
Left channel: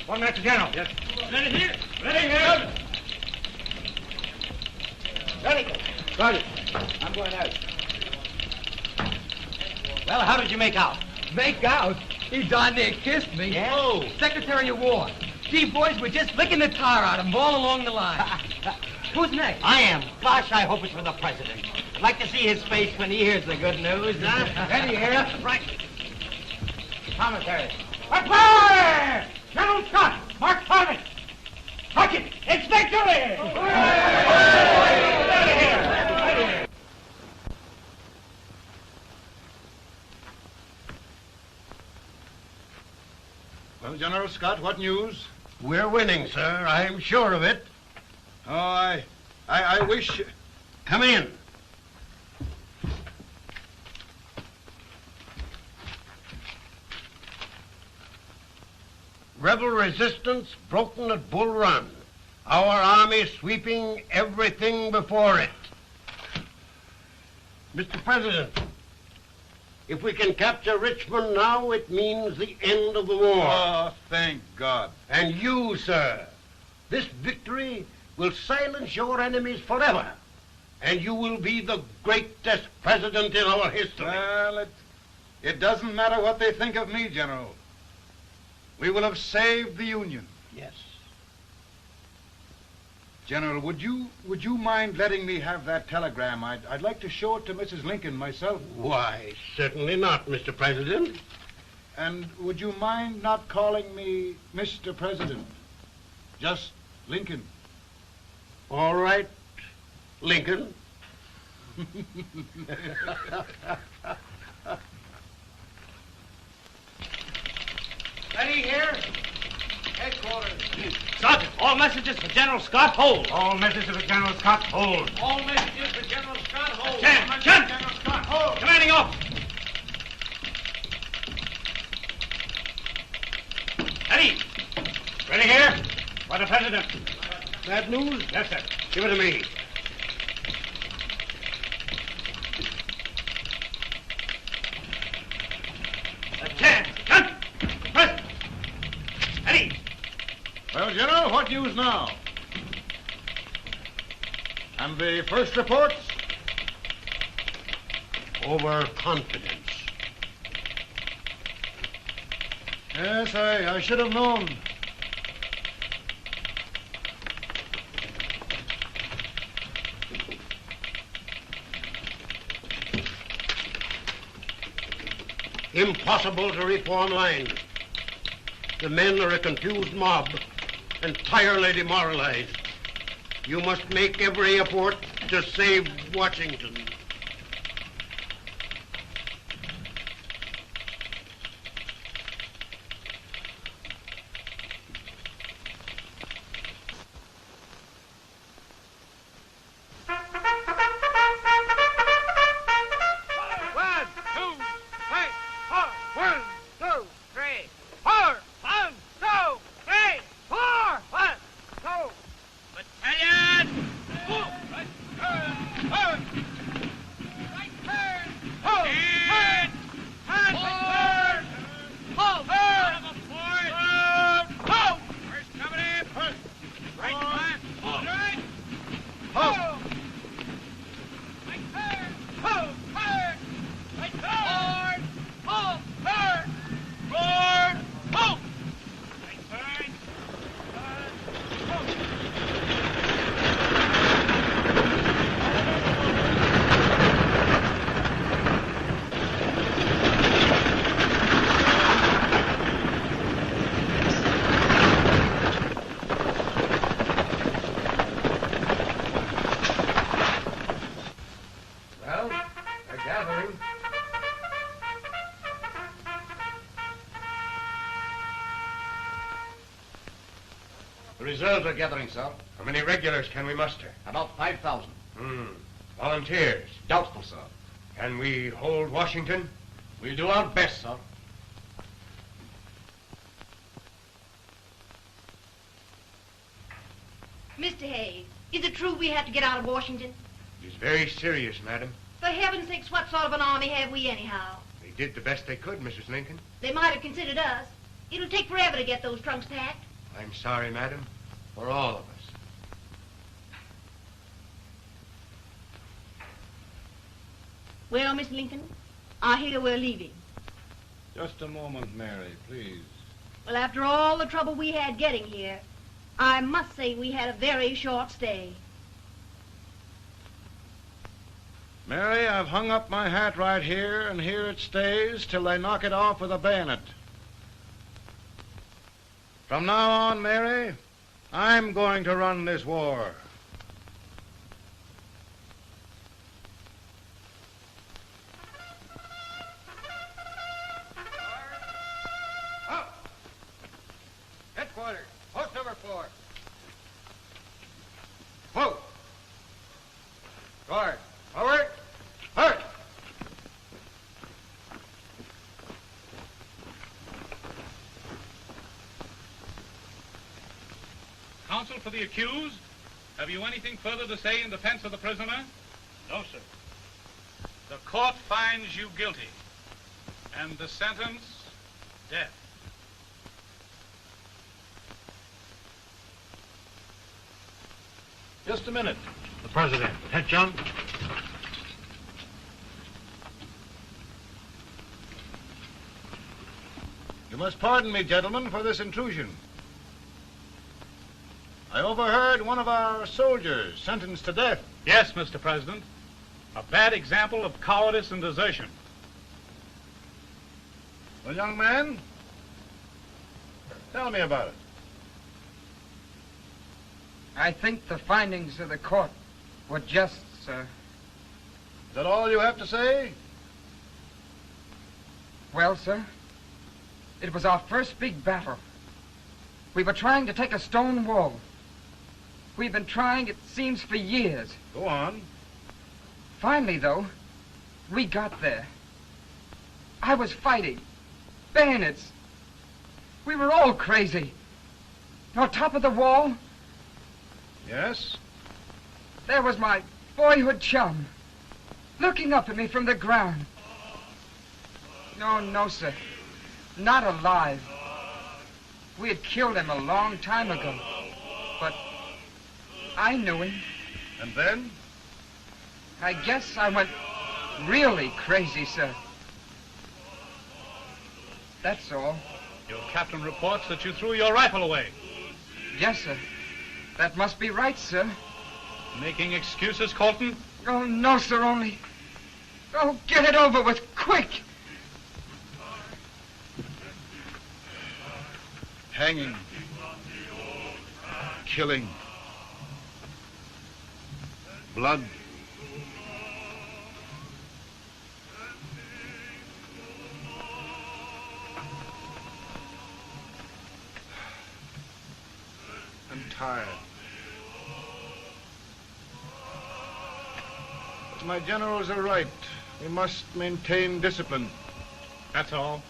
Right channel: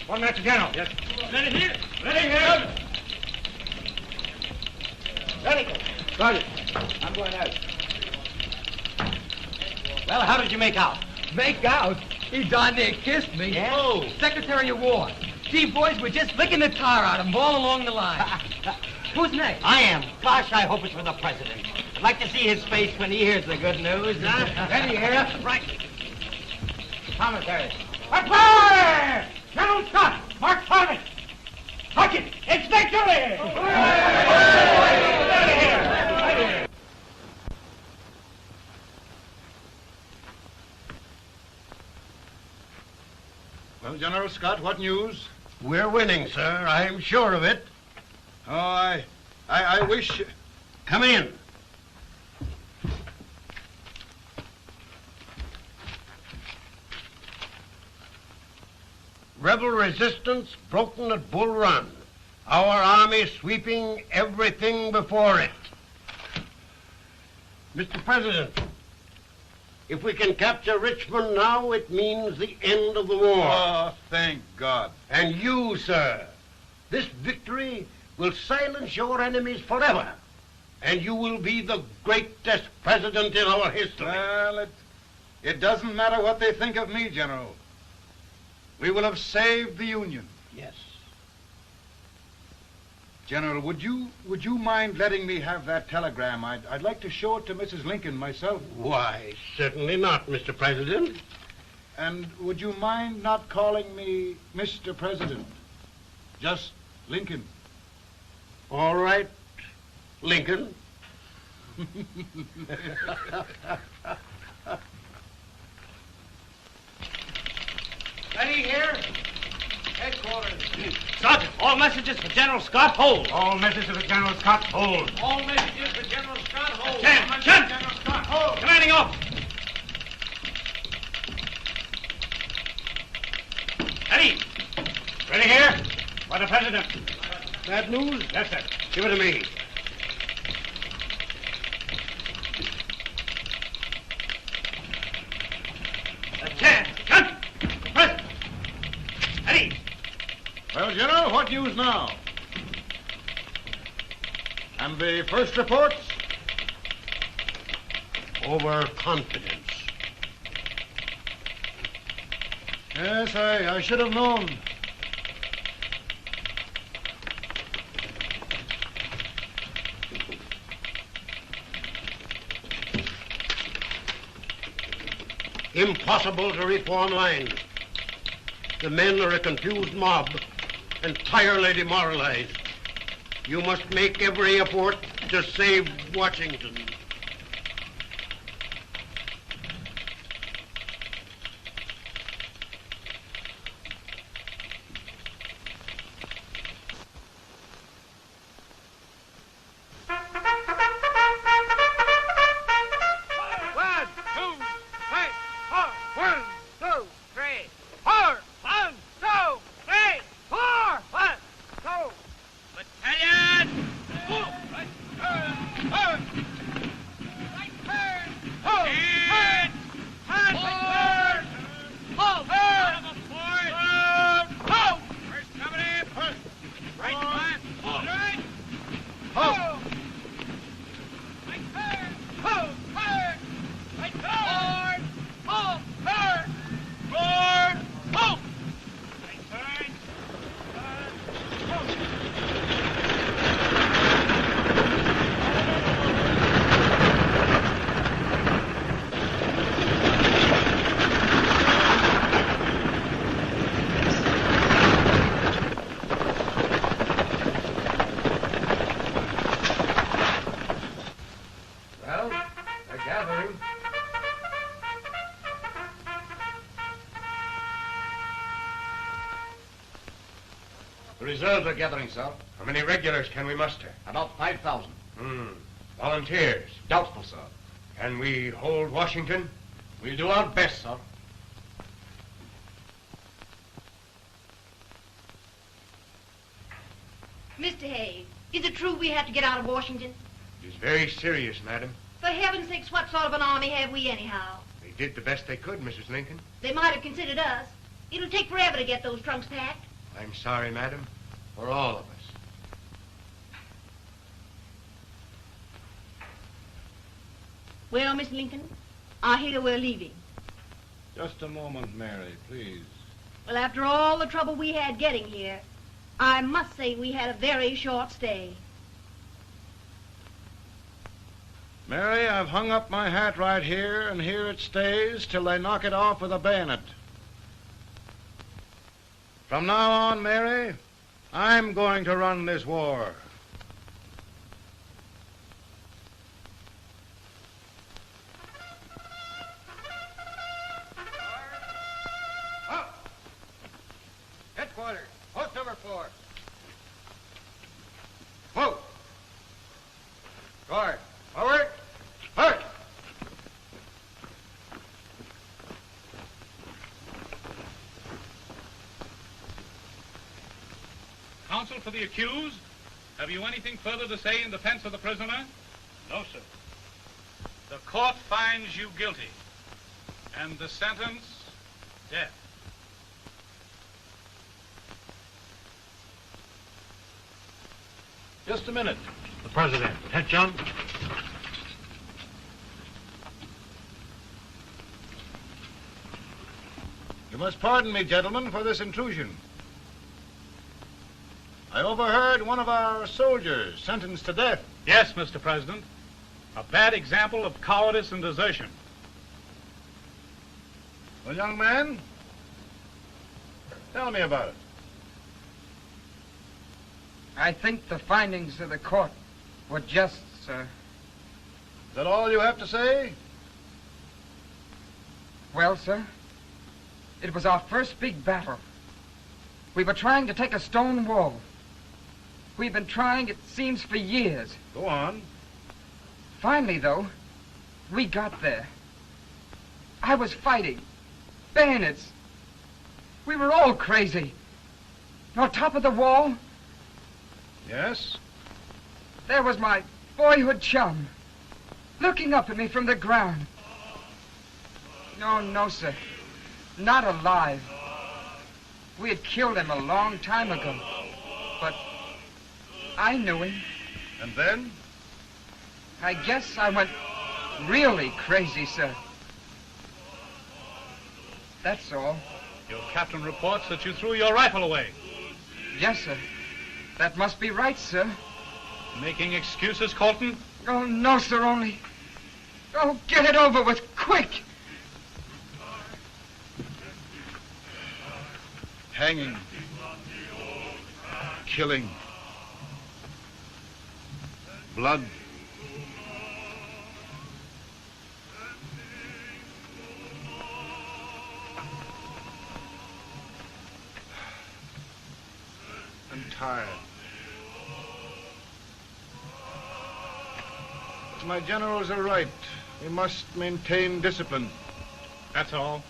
1 minute to General. Yes. Ready here. Ready here. Ready. Ready. I'm going out. Well, how did you make out? Make out? He darn near kissed me. Yeah? Oh, Secretary of War. Gee, boys, we're just licking the tar out of him all along the line. Who's next? I am. Gosh, I hope it's for the President. I'd like to see his face when he hears the good news. Ready here. Right. Commissary. Fire! General Scott! Mark Thomas! Sergeant, it's victory! Well, General Scott, what news? We're winning, sir. I'm sure of it. Oh, I wish... Come in. Rebel resistance broken at Bull Run. Our army sweeping everything before it. Mr. President, if we can capture Richmond now, it means the end of the war. Oh, thank God. And you, sir, this victory will silence your enemies forever. And you will be the greatest president in our history. Well, it doesn't matter what they think of me, General. We will have saved the Union. Yes. General, would you mind letting me have that telegram? I'd like to show it to Mrs. Lincoln myself. Why, certainly not, Mr. President. And would you mind not calling me Mr. President? Just Lincoln. All right, Lincoln. Ready here. Headquarters. Sergeant, all messages for General Scott, hold. All messages for General Scott, hold. All messages for General Scott, hold. Stand. General Scott, hold. Commanding officer. Ready. Ready here. For the President. Bad news? Yes, sir. Give it to me. Well, General, what news now? And the first reports? Overconfidence. Yes, I should have known. Impossible to reform lines. The men are a confused mob, entirely demoralized. You must make every effort to save Washington. Reserves are gathering, sir. How many regulars can we muster? About 5,000. Volunteers? Doubtful, sir. Can we hold Washington? We'll do our best, sir. Mr. Hayes, is it true we have to get out of Washington? It's very serious, madam. For heaven's sakes, what sort of an army have we anyhow? They did the best they could, Mrs. Lincoln. They might have considered us. It'll take forever to get those trunks packed. I'm sorry, madam, for all of us. Well, Miss Lincoln, I hear we're leaving. Just a moment, Mary, please. Well, after all the trouble we had getting here, I must say we had a very short stay. Mary, I've hung up my hat right here, and here it stays till they knock it off with a bayonet. From now on, Mary, I'm going to run this war. Headquarters, post number 4. Whoa! Guard, forward, march! Counsel for the accused, have you anything further to say in defense of the prisoner? No, sir. The court finds you guilty, and the sentence, death. Just a minute. The President. Head, John. You must pardon me, gentlemen, for this intrusion. I overheard one of our soldiers sentenced to death. Yes, Mr. President. A bad example of cowardice and desertion. Well, young man, tell me about it. I think the findings of the court were just, sir. Is that all you have to say? Well, sir, it was our first big battle. We were trying to take a stone wall. We've been trying, it seems, for years. Go on. Finally, though, we got there. I was fighting. Bayonets. We were all crazy. On top of the wall, Yes? there was my boyhood chum, looking up at me from the ground. No, sir. Not alive. We had killed him a long time ago. But I knew him. And then? I guess I went really crazy, sir. That's all. Your captain reports that you threw your rifle away. Yes, sir. That must be right, sir. Making excuses, Colton? Oh, no, sir, only... Oh, get it over with, quick! Hanging. Killing. Blood. I'm tired. My generals are right. We must maintain discipline. That's all.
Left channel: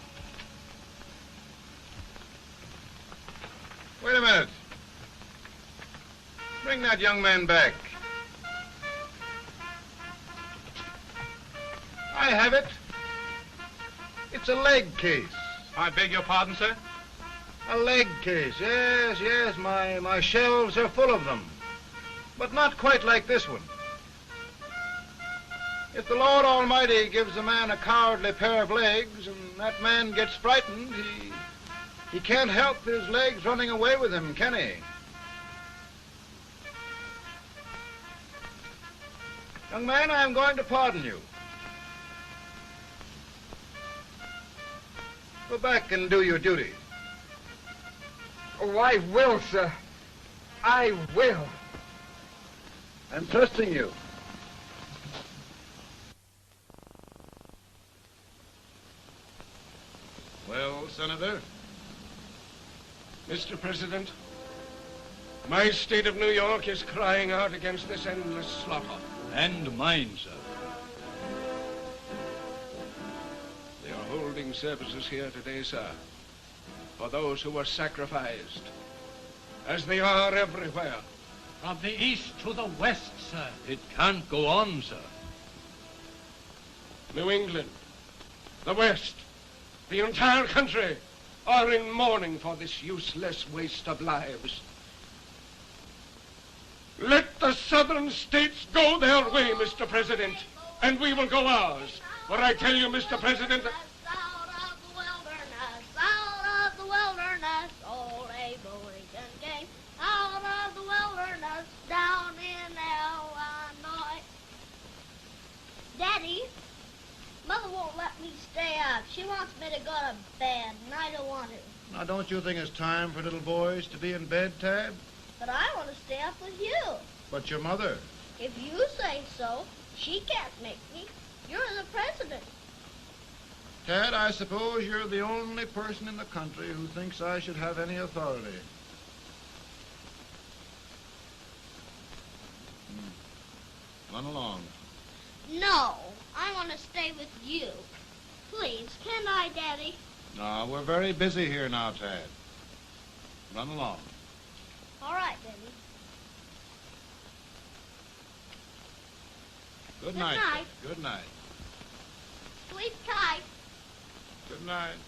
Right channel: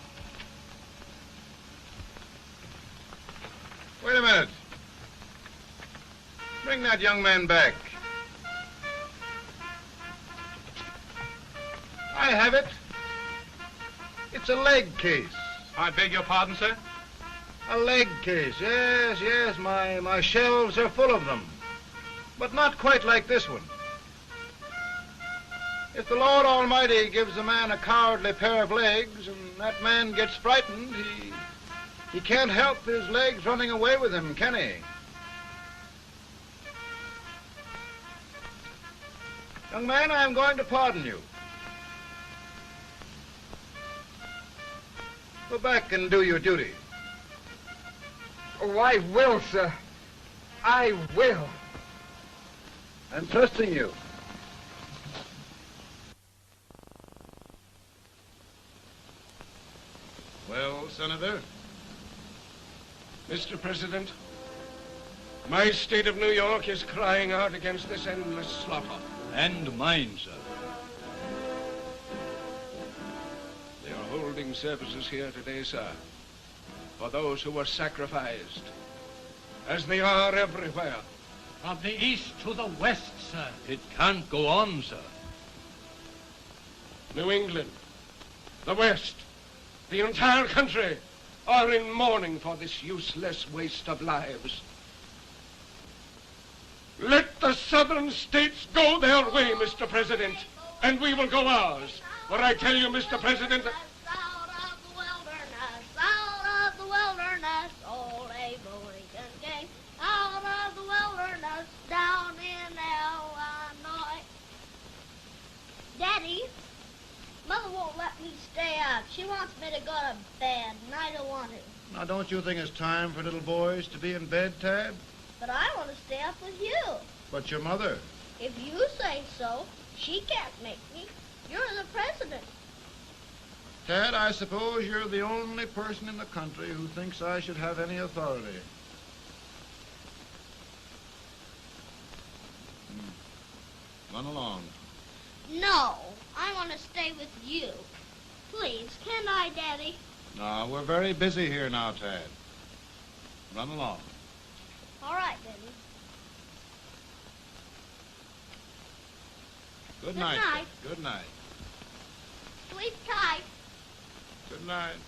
Wait a minute. Bring that young man back. I have it. It's a leg case. I beg your pardon, sir? A leg case, yes. My shelves are full of them. But not quite like this one. If the Lord Almighty gives a man a cowardly pair of legs and that man gets frightened, he can't help his legs running away with him, can he? Young man, I am going to pardon you. Go back and do your duty. Oh, I will, sir. I will. I'm trusting you. Well, Senator? Mr. President, My state of New York is crying out against this endless slaughter. And mine, sir. They are holding services here today, sir, for those who were sacrificed, as they are everywhere. From the east to the west, sir. It can't go on, sir. New England, the West, the entire country are in mourning for this useless waste of lives. Let the southern states go their way, Mr. President, and we will go ours. For I tell you, Mr. President... Out of the wilderness, old Abraham Lincoln came. Out of the wilderness, down in Illinois. Daddy, Mother won't let me stay up. She wants me to go to bed, and I don't want to. Now, don't you think it's time for little boys to be in bed, Tad? But I want to stay up with you. But your mother? If you say so, she can't make me. You're the president. Tad, I suppose you're the only person in the country who thinks I should have any authority. Run along. No, I want to stay with you. Please, can I, Daddy? No, we're very busy here now, Tad. Run along. All right, Daddy. Good night. night. Good night. Sleep tight. Good night.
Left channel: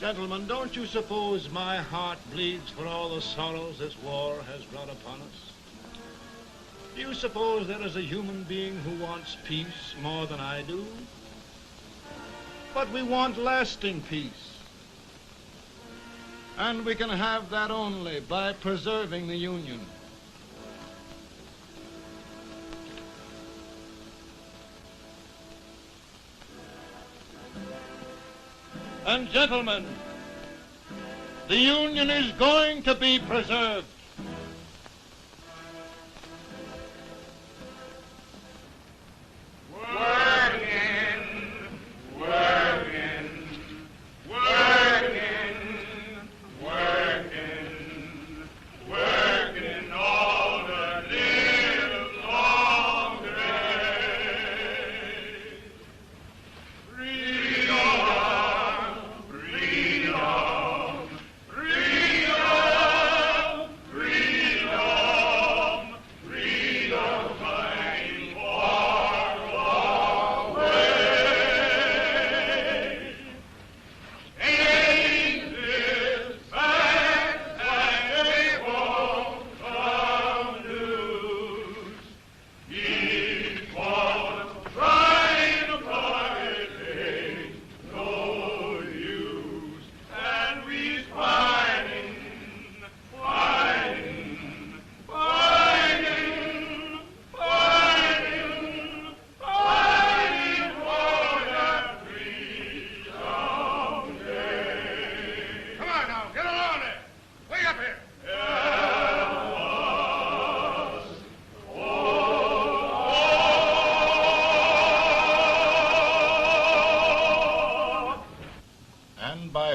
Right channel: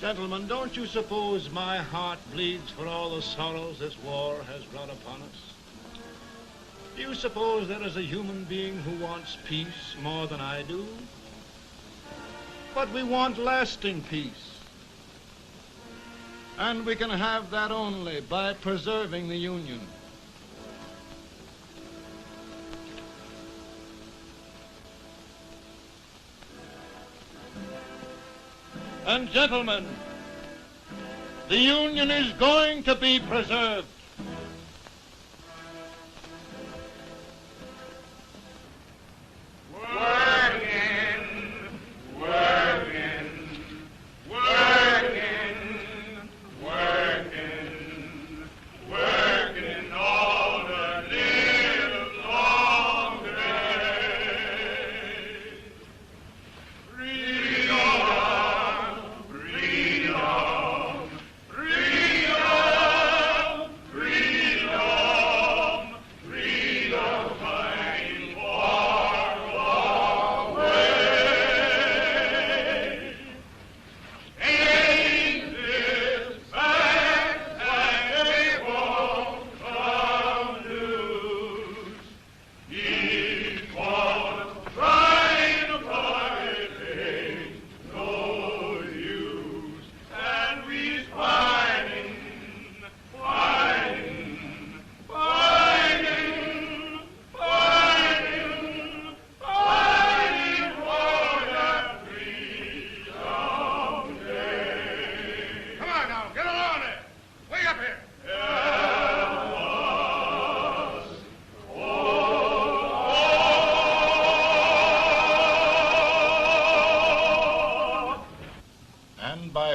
Gentlemen, don't you suppose my heart bleeds for all the sorrows this war has brought upon us? Do you suppose there is a human being who wants peace more than I do? But we want lasting peace. And we can have that only by preserving the Union. And gentlemen, the Union is going to be preserved.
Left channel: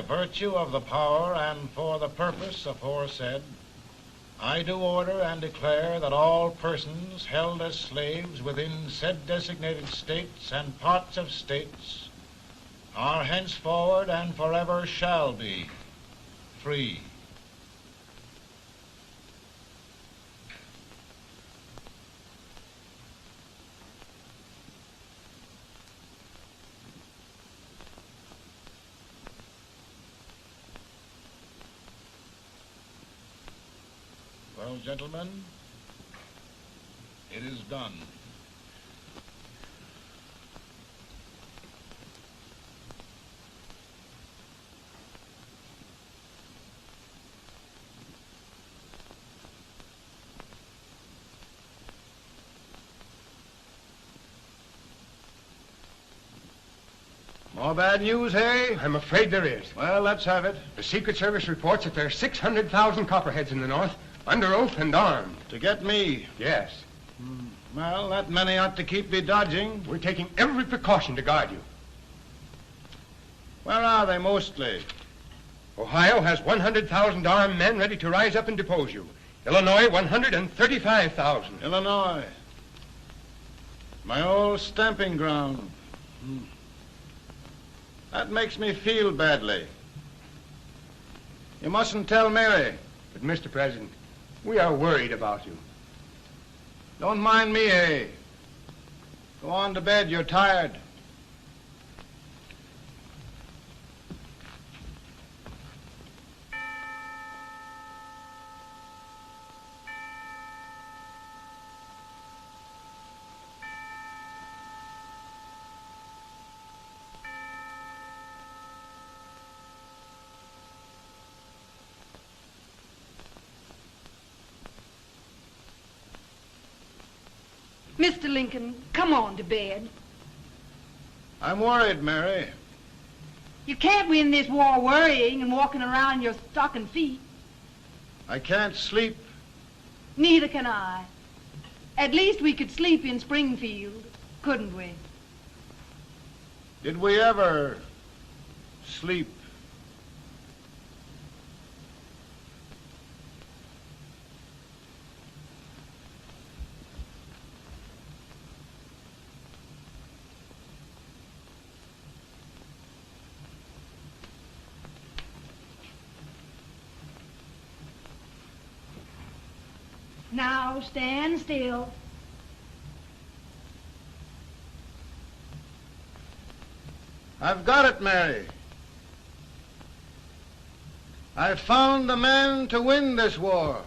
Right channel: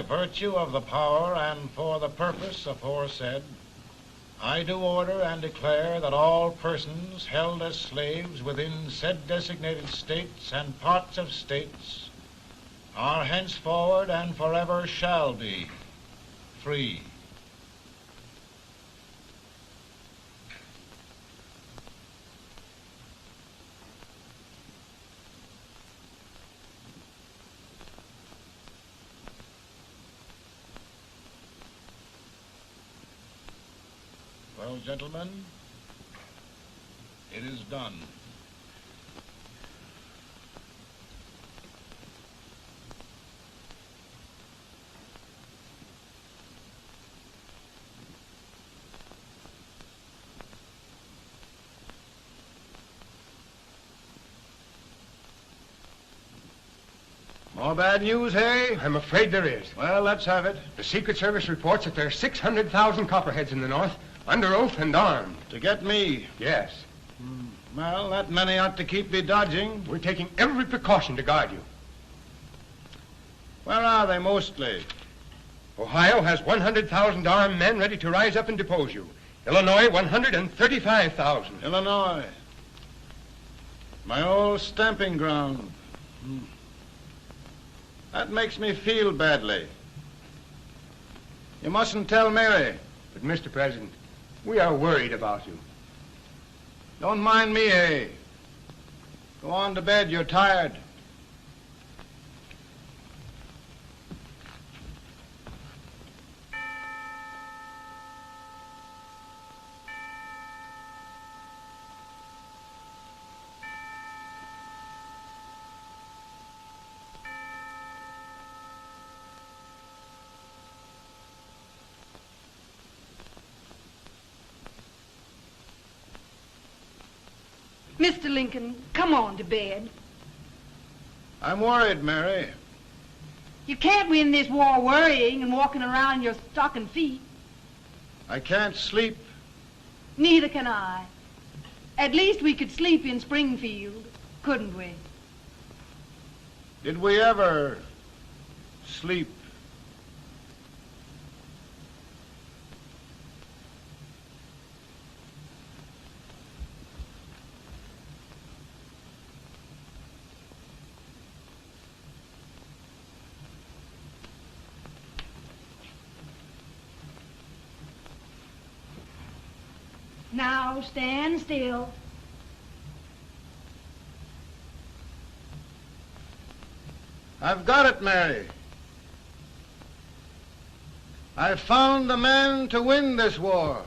Virtue of the power and for the purpose aforesaid, I do order and declare that all persons held as slaves within said designated states and parts of states are henceforward and forever shall be free. Well, gentlemen, it is done. More bad news, eh? I'm afraid there is. Well, let's have it. The Secret Service reports that there are 600,000 copperheads in the North, under oath and armed. To get me? Yes. Well, that many ought to keep me dodging. We're taking every precaution to guard you. Where are they mostly? Ohio has 100,000 armed men ready to rise up and depose you. Illinois, 135,000. Illinois. My old stamping ground. That makes me feel badly. You mustn't tell Mary. But, Mr. President, we are worried about you. Don't mind me, eh? Go on to bed. You're tired. Mr. Lincoln, come on to bed. I'm worried, Mary. You can't win this war worrying and walking around in your stocking feet. I can't sleep. Neither can I. At least we could sleep in Springfield, couldn't we? Did we ever sleep? Now stand still. I've got it, Mary. I've found the man to win this war.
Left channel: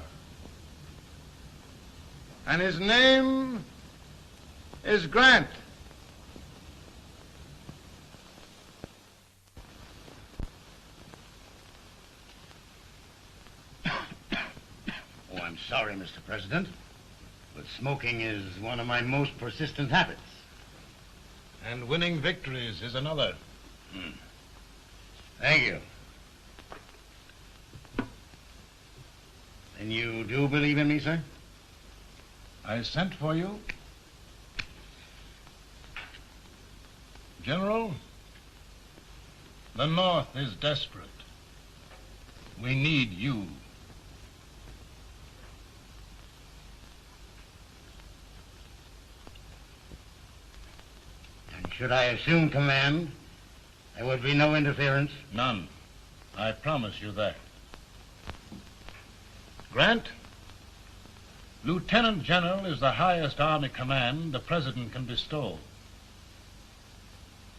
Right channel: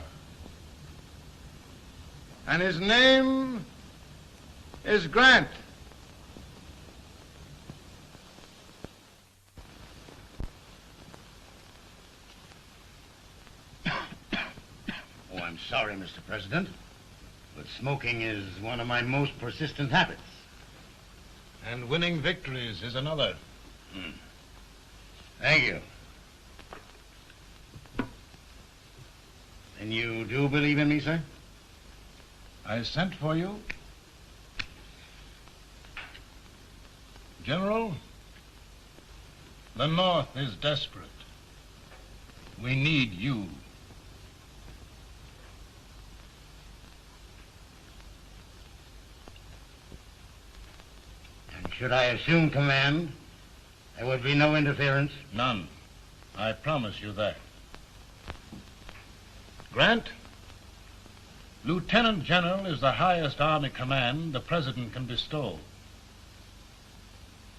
And his name is Grant. Oh, I'm sorry, Mr. President, but smoking is one of my most persistent habits. And winning victories is another. Thank you. And you do believe in me, sir? I sent for you. General, the North is desperate. We need you. And should I assume command, there would be no interference? None. I promise you that. Grant, Lieutenant General is the highest army command the President can bestow.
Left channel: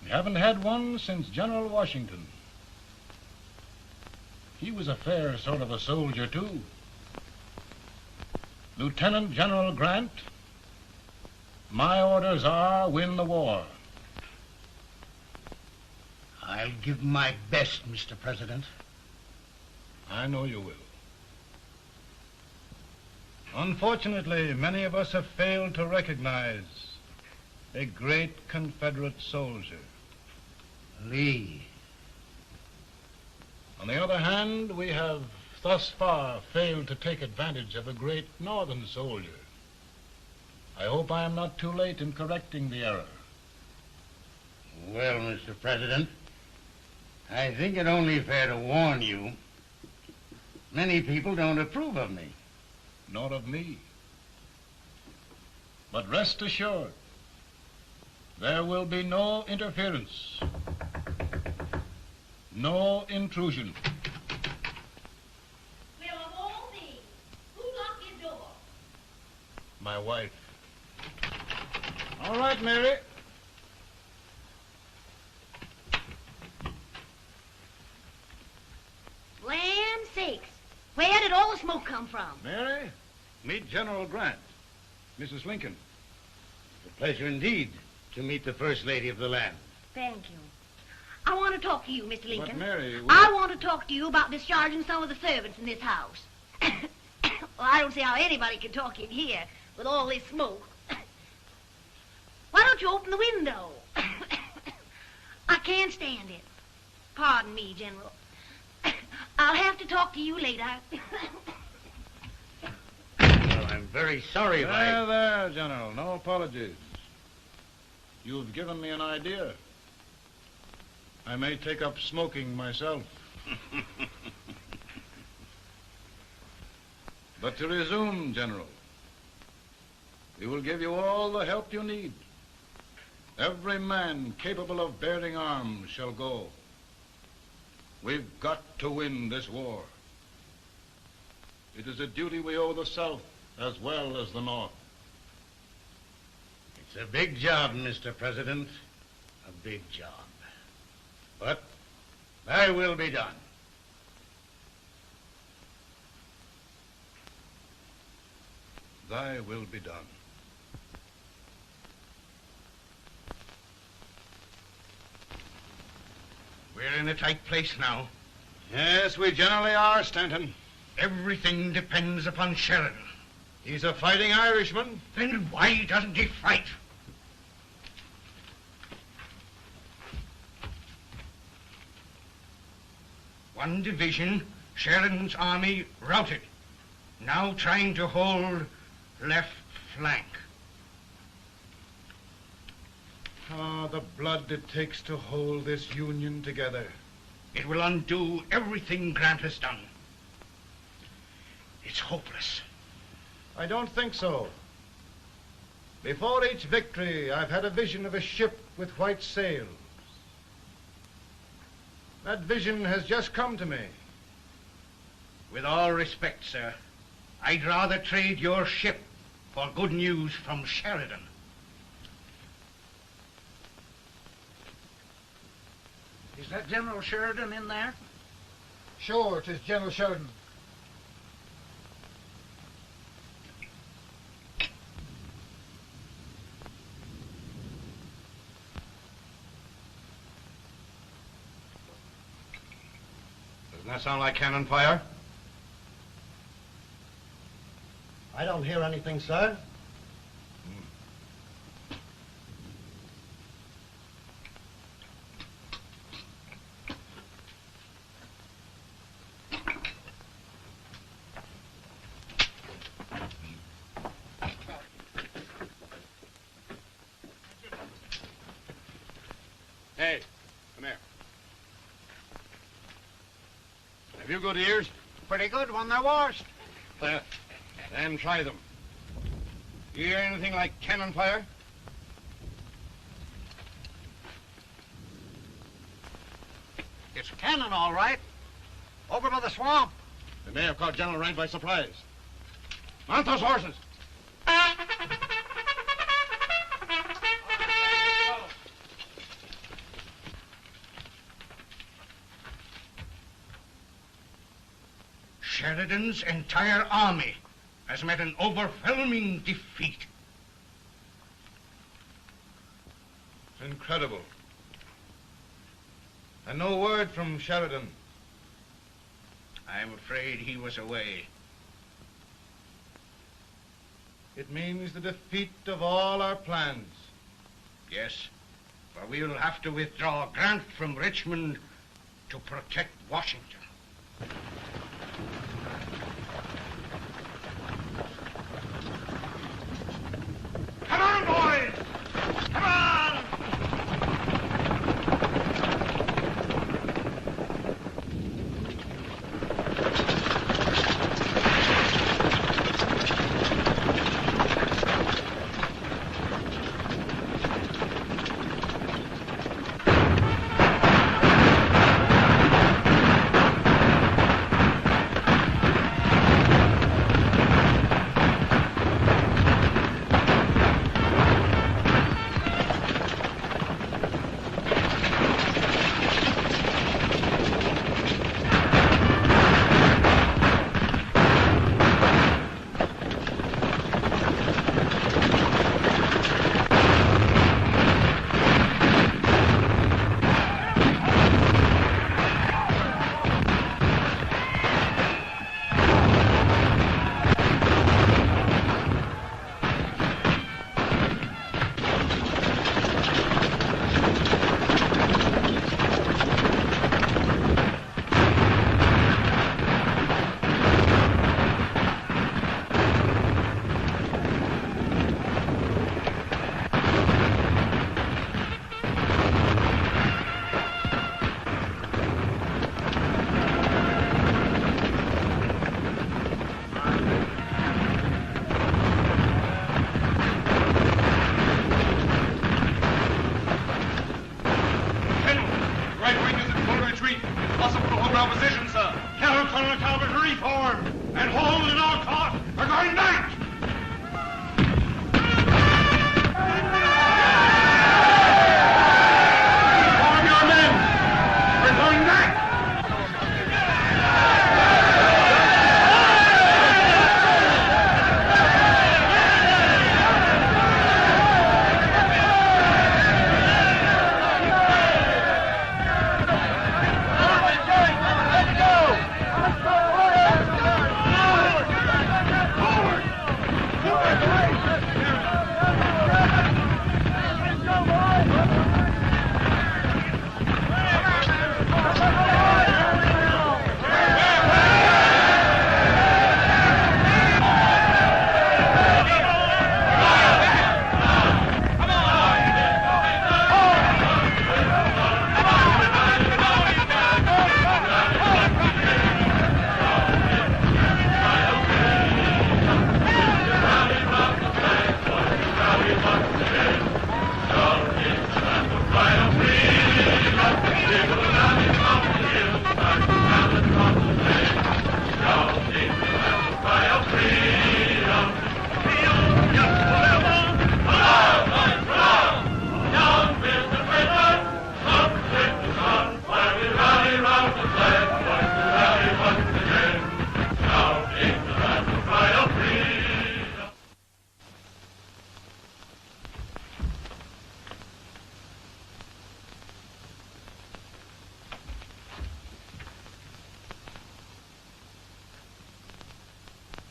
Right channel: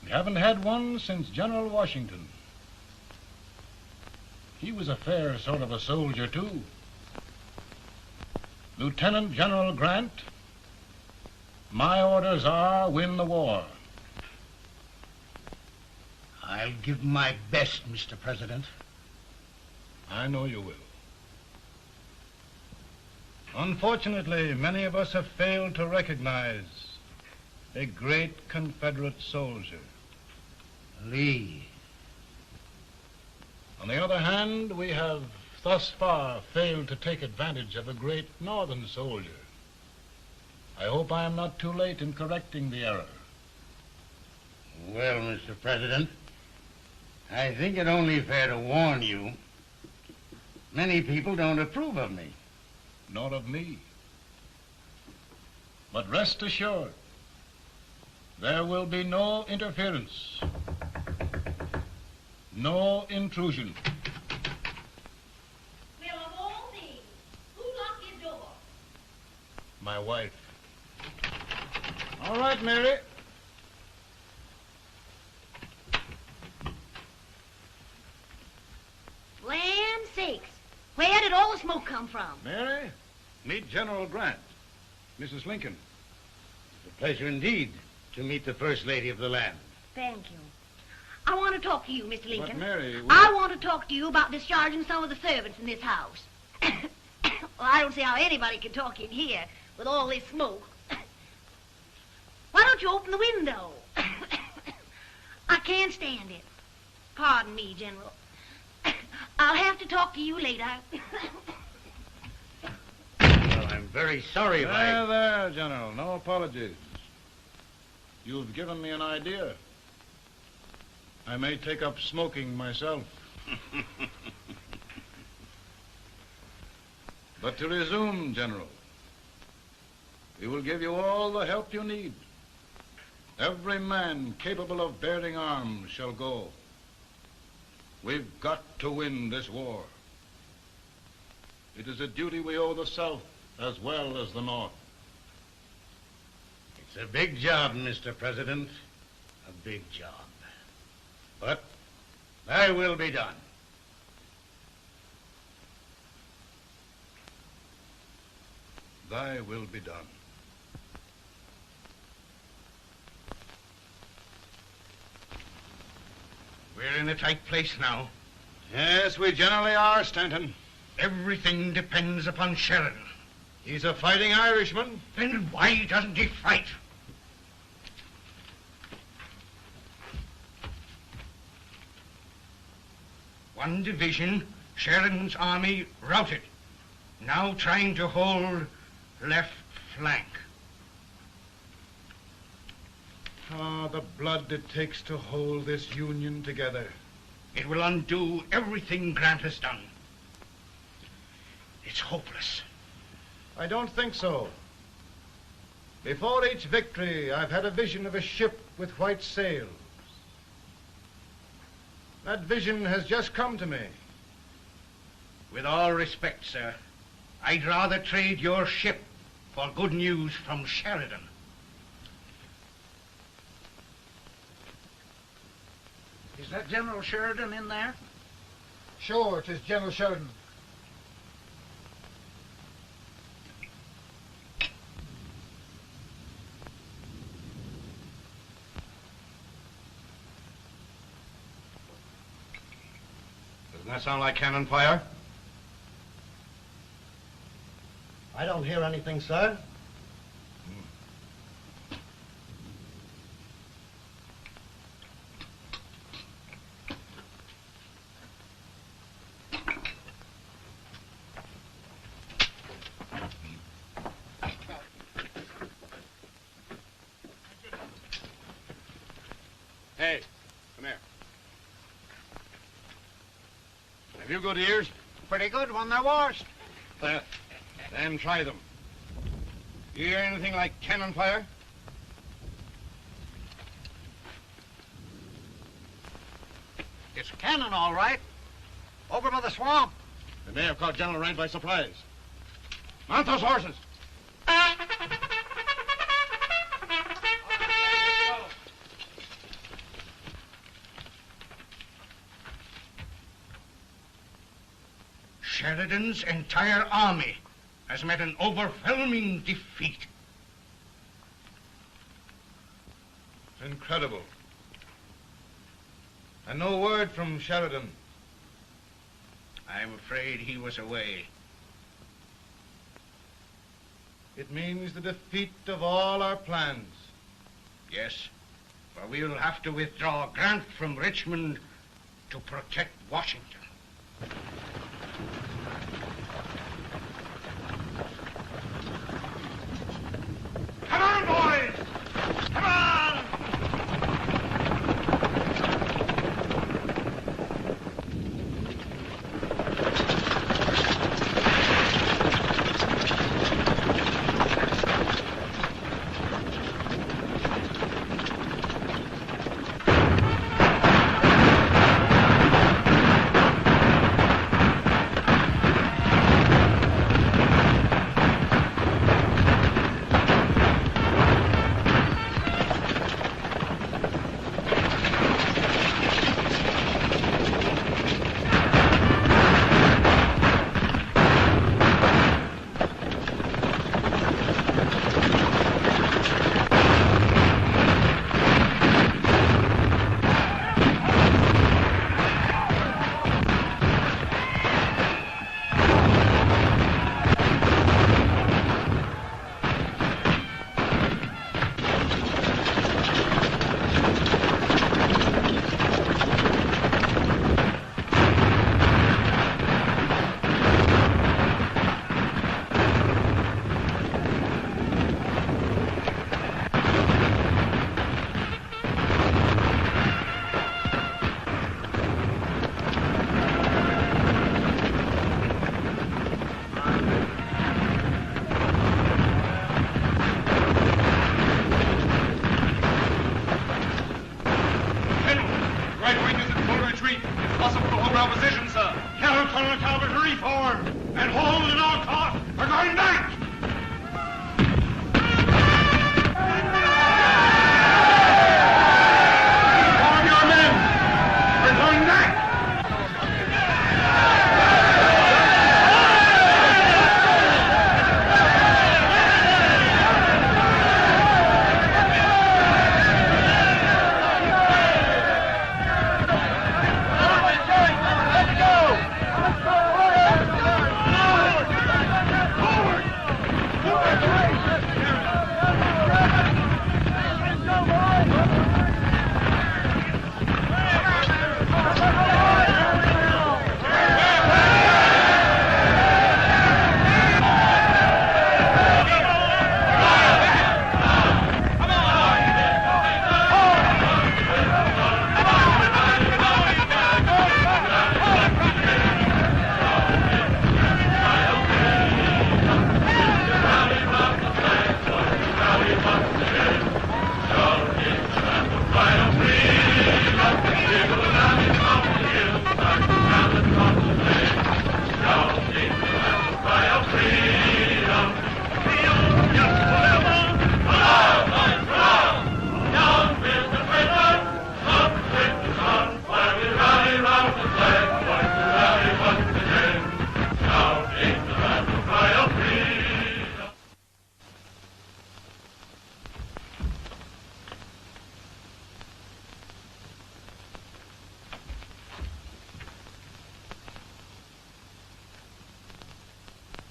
We haven't had one since General Washington. He was a fair sort of a soldier, too. Lieutenant General Grant, my orders are win the war. I'll give my best, Mr. President. I know you will. Unfortunately, many of us have failed to recognize a great Confederate soldier. Lee. On the other hand, we have thus far failed to take advantage of a great Northern soldier. I hope I am not too late in correcting the error. Well, Mr. President, I think it only fair to warn you. Many people don't approve of me. Nor of me. But rest assured, there will be no interference, no intrusion. Well, of all things, who locked your door? My wife. All right, Mary. Land sakes, where did all the smoke come from? Mary, meet General Grant. Mrs. Lincoln. It's a pleasure indeed to meet the First Lady of the land. Thank you. I want to talk to you, Mr. Lincoln. But Mary, I want to talk to you about discharging some of the servants in this house. Well, I don't see how anybody can talk in here with all this smoke. Why don't you open the window? I can't stand it. Pardon me, General. I'll have to talk to you later. Well, I'm very sorry if I... There, General. No apologies. You've given me an idea. I may take up smoking myself. But to resume, General, we will give you all the help you need. Every man capable of bearing arms shall go. We've got to win this war. It is a duty we owe the South as well as the North. It's a big job, Mr. President. A big job. But thy will be done. Thy will be done. We're in a tight place now. Yes, we generally are, Stanton. Everything depends upon Sheridan. He's a fighting Irishman. Then why doesn't he fight? One division, Sheridan's army, routed. Now trying to hold left flank. Ah, the blood it takes to hold this Union together. It will undo everything Grant has done. It's hopeless. I don't think so. Before each victory, I've had a vision of a ship with white sails. That vision has just come to me. With all respect, sir, I'd rather trade your ship for good news from Sheridan. Is that General Sheridan in there? Sure, it is General Sheridan. Doesn't that sound like cannon fire? I don't hear anything, sir. Hey, come here. Have you good ears? Pretty good when they're washed. Then try them. You hear anything like cannon fire? It's cannon, all right. Over by the swamp. They may have caught General Rank by surprise. Mount those horses. Sheridan's entire army has met an overwhelming defeat. It's incredible. And no word from Sheridan. I'm afraid he was away. It means the defeat of all our plans. Yes, for we'll have to withdraw Grant from Richmond to protect Washington. Come on, boys! Come on!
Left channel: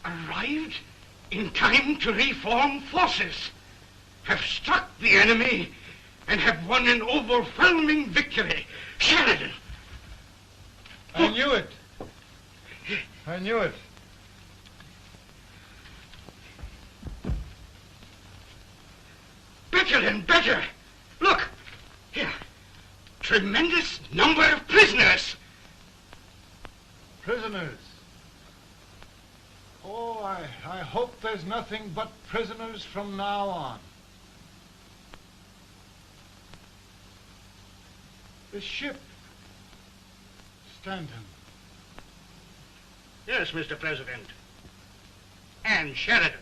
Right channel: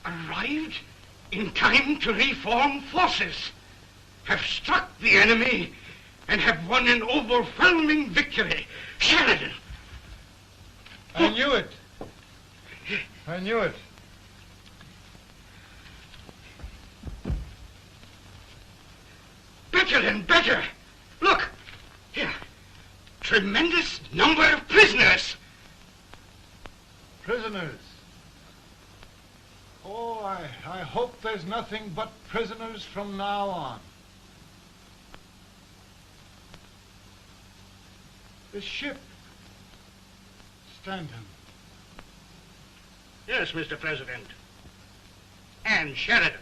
Arrived in time to reform forces, have struck the enemy, and have won an overwhelming victory. Sheridan! I knew it. I knew it. Better and better. Look, here. Tremendous number of prisoners. Prisoners? Oh, I hope there's nothing but prisoners from now on. The ship. Stanton. Yes, Mr. President. And Sheridan.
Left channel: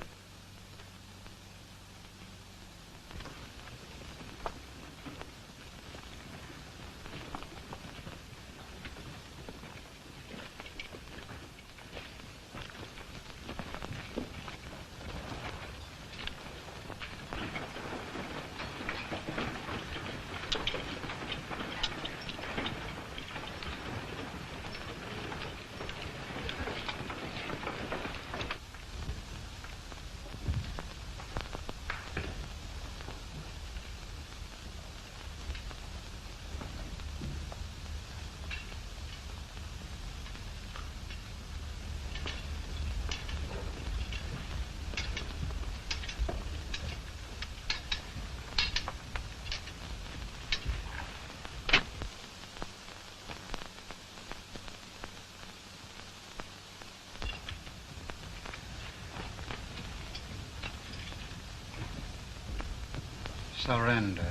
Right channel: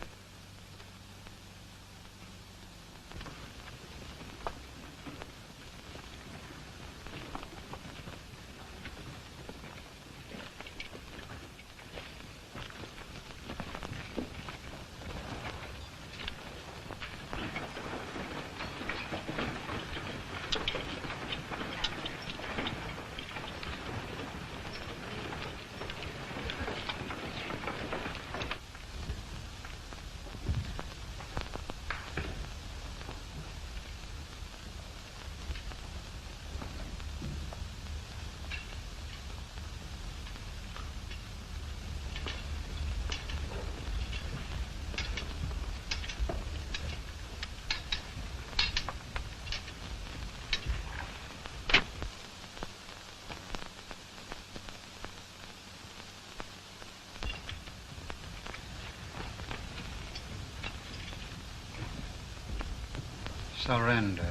Surrender.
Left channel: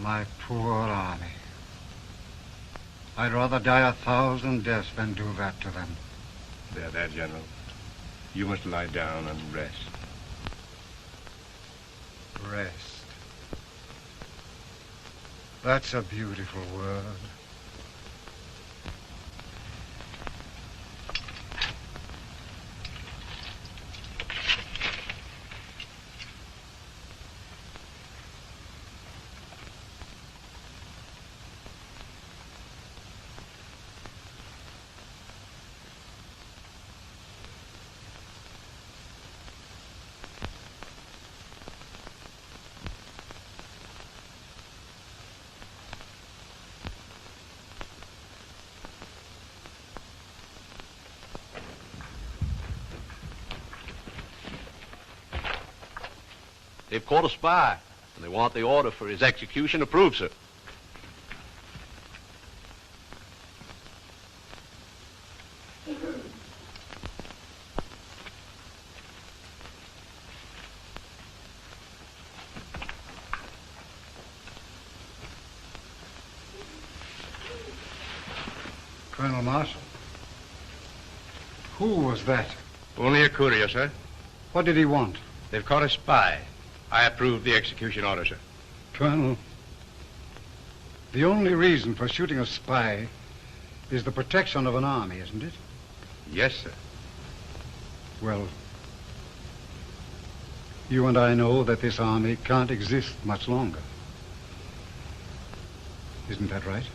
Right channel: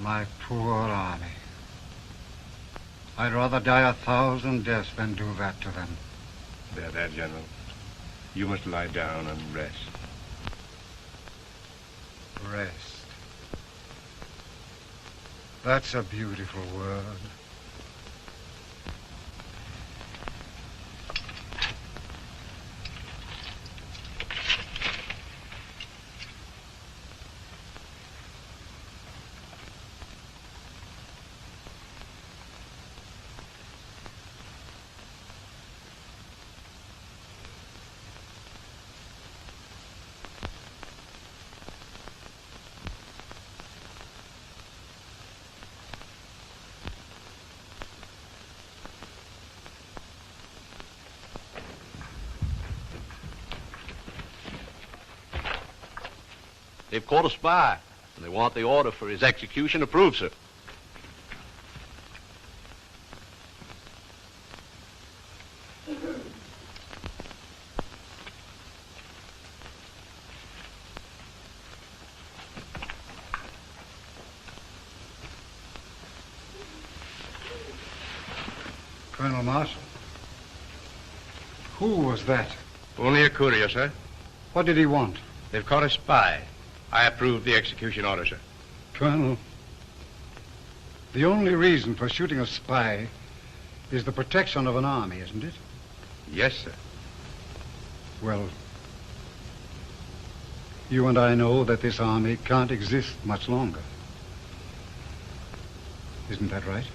My poor army. I'd rather die 1,000 deaths than do that to them. There, General. You must lie down and rest. Rest. That's a beautiful word. They've caught a spy, and they want the order for his execution approved, sir. Colonel Marshall. Who was that? Only a courier, sir. What did he want? They've caught a spy. I approve the execution order, sir. Colonel, the only reason for shooting a spy is the protection of an army, isn't it? Yes, sir. Well, you and I know that this army can't exist much longer. Isn't that right?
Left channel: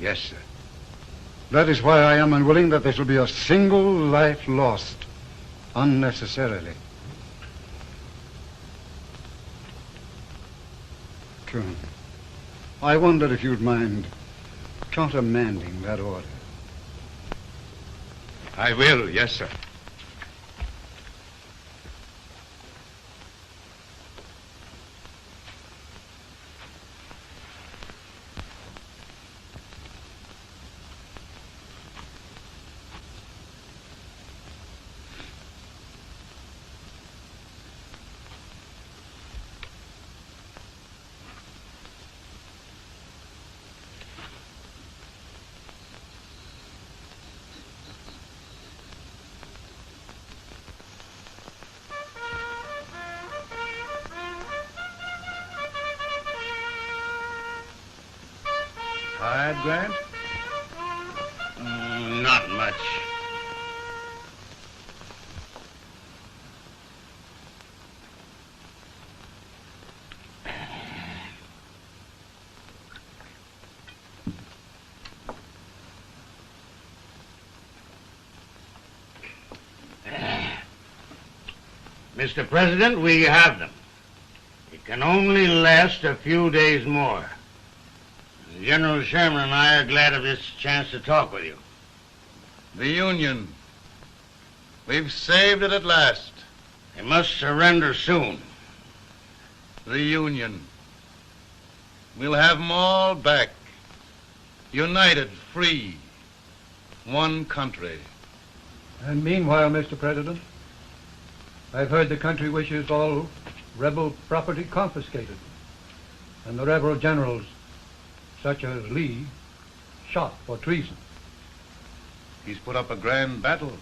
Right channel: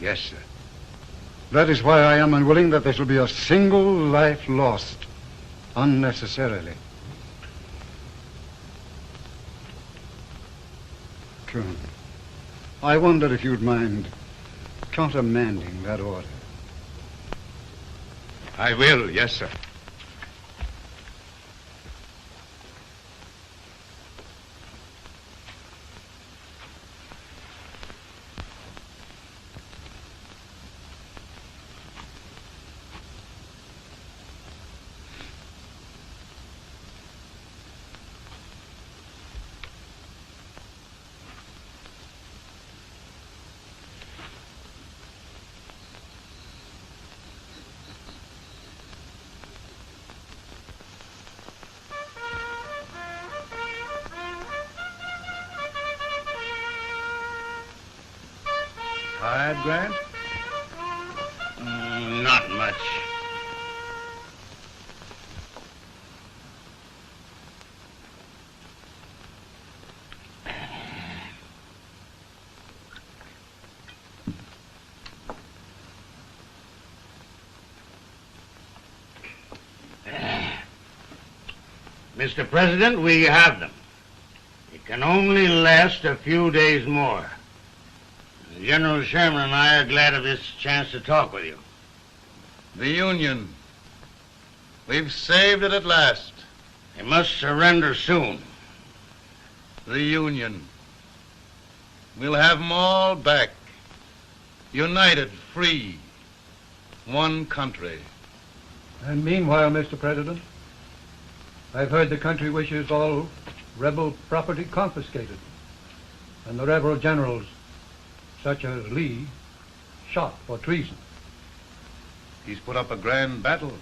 Yes, sir. That is why I am unwilling that there shall be a single life lost unnecessarily. true. I wonder if you'd mind countermanding that order. I will, yes, sir. Tired, Grant? Not much. Mr. President, we have them. It can only last a few days more. General Sherman and I are glad of this chance to talk with you. The Union. We've saved it at last. They must surrender soon. The Union. We'll have them all back. United, free. One country. And meanwhile, Mr. President, I've heard the country wishes all rebel property confiscated, and the rebel generals, such as Lee, shot for treason. He's put up a grand battle.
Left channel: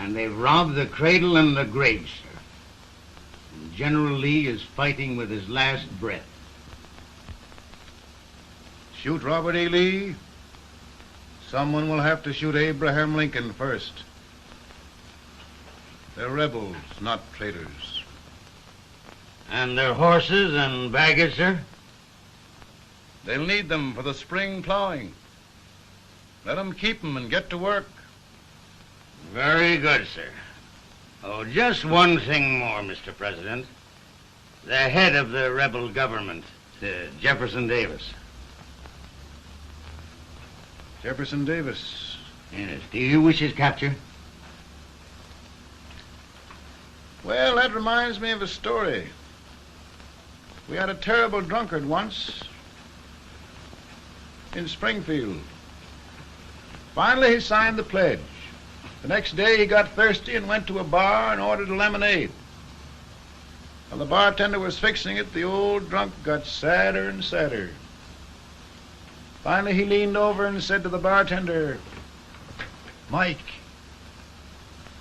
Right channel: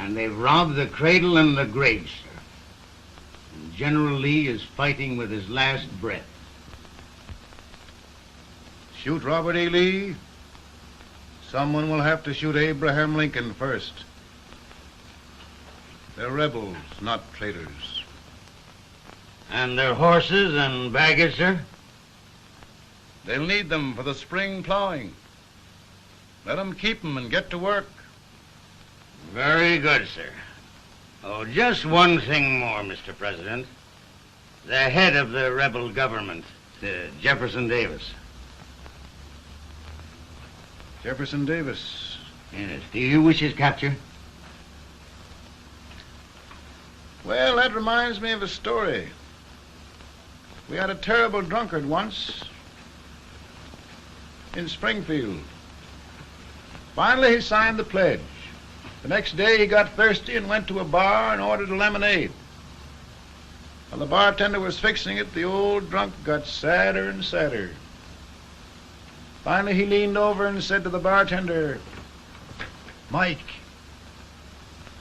And they've robbed the cradle and the grave, sir. And General Lee is fighting with his last breath. Shoot Robert E. Lee? Someone will have to shoot Abraham Lincoln first. They're rebels, not traitors. And their horses and baggage, sir? They'll need them for the spring plowing. Let them keep them and get to work. Very good, sir. Oh, just one thing more, Mr. President. The head of the rebel government, Jefferson Davis. Jefferson Davis? Yes. Do you wish his capture? Well, that reminds me of a story. We had a terrible drunkard once in Springfield. Finally, he signed the pledge. The next day, he got thirsty and went to a bar and ordered a lemonade. While the bartender was fixing it, the old drunk got sadder and sadder. Finally, he leaned over and said to the bartender, "Mike,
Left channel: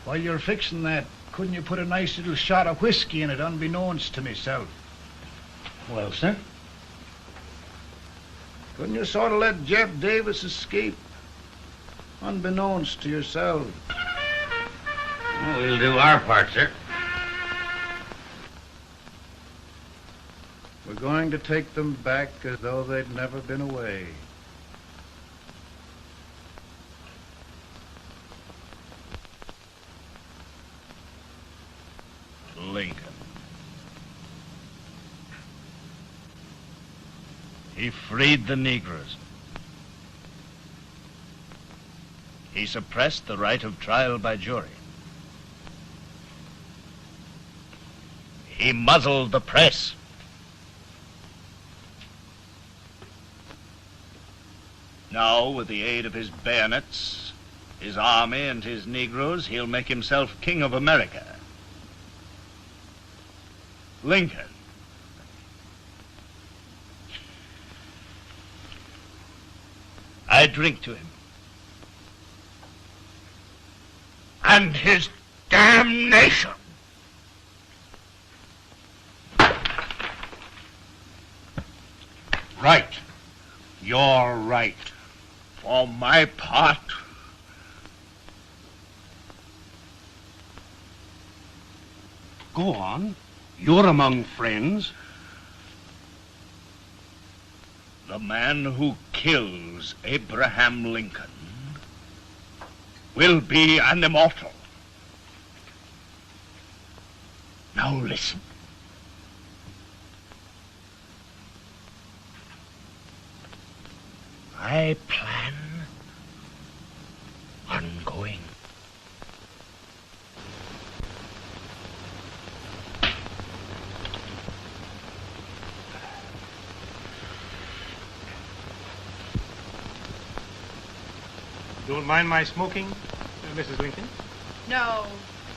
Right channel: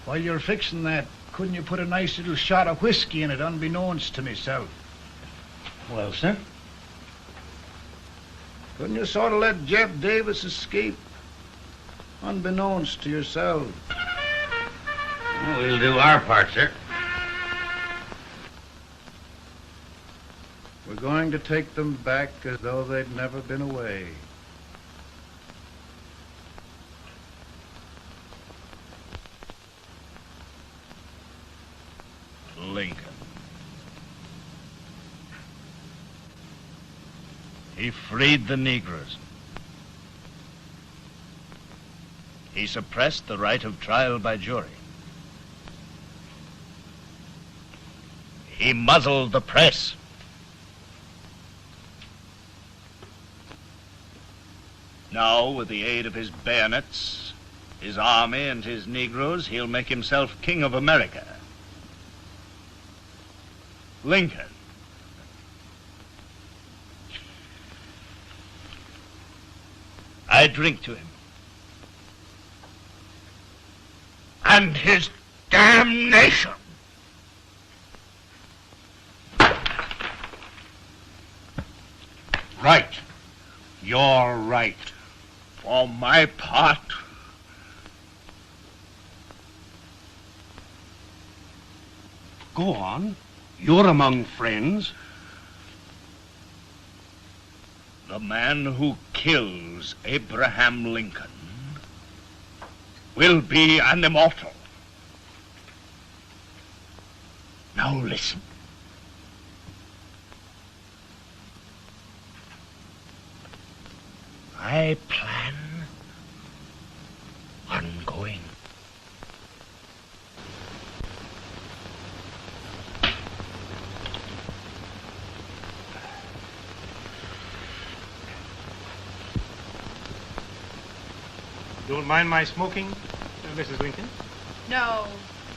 while you're fixing that, couldn't you put a nice little shot of whiskey in it, unbeknownst to myself?" Well, sir? Couldn't you sort of let Jeff Davis escape, unbeknownst to yourself? Well, we'll do our part, sir. We're going to take them back as though they'd never been away. Lincoln. He freed the Negroes. He suppressed the right of trial by jury. He muzzled the press. Now, with the aid of his bayonets, his army, and his Negroes, he'll make himself king of America. Lincoln. I drink to him. And his damnation. Right. You're right. For my part, go on. You're among friends. The man who kills Abraham Lincoln will be an immortal. Now listen. my plan ongoing. Don't mind my smoking, Mrs. Lincoln? No,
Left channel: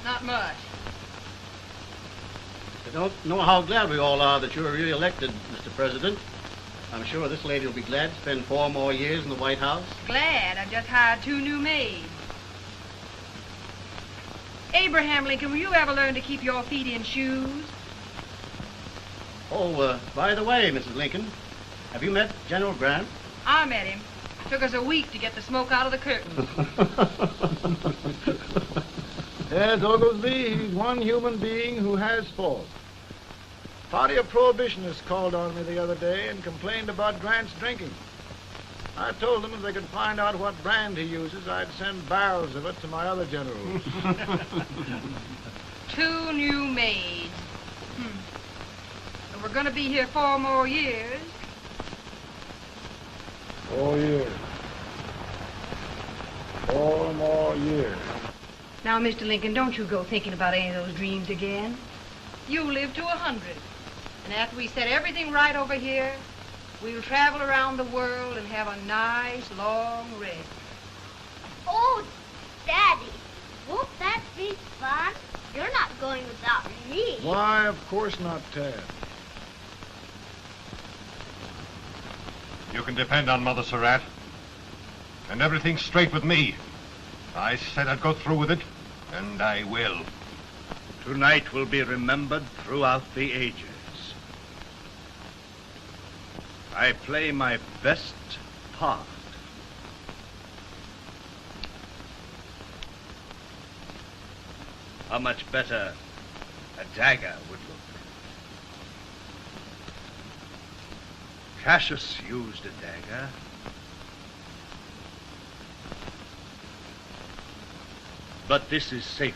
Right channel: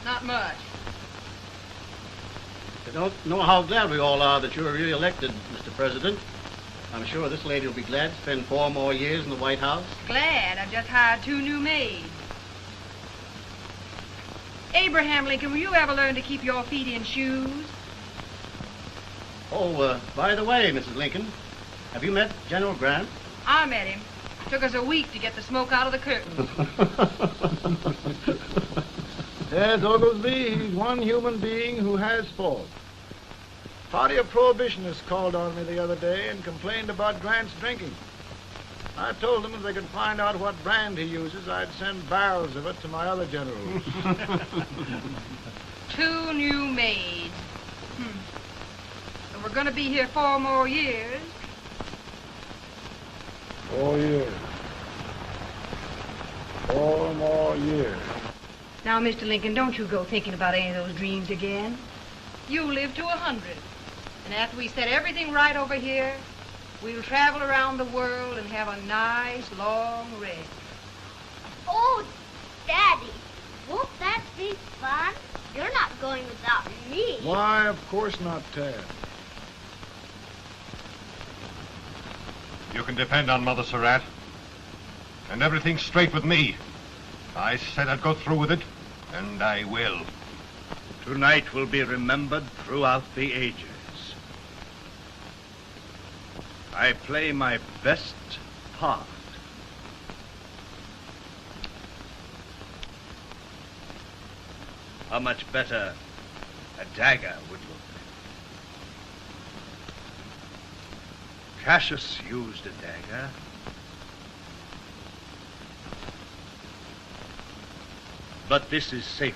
not much. I don't know how glad we all are that you're re-elected, Mr. President. I'm sure this lady will be glad to spend 4 more years in the White House. Glad. I've just hired 2 new maids. Abraham Lincoln, will you ever learn to keep your feet in shoes? Oh, by the way, Mrs. Lincoln, have you met General Grant? I met him. Took us a week to get the smoke out of the curtains. Yes, Oglesby, he's one human being who has faults. Party of Prohibitionists called on me the other day and complained about Grant's drinking. I told them if they could find out what brand he uses, I'd send barrels of it to my other generals. 2 new maids. But we're going to be here 4 more years. 4 years. 4 more years. Now, Mr. Lincoln, don't you go thinking about any of those dreams again. You live to 100. And after we set everything right over here, we'll travel around the world and have a nice, long rest. Oh, Daddy, won't that be fun? You're not going without me. Why, of course not, Tad. You can depend on Mother Surratt. And everything's straight with me. I said I'd go through with it, and I will. Tonight will be remembered throughout the ages. I play my best part. How much better a dagger would look. Cassius used a dagger. But this is safer.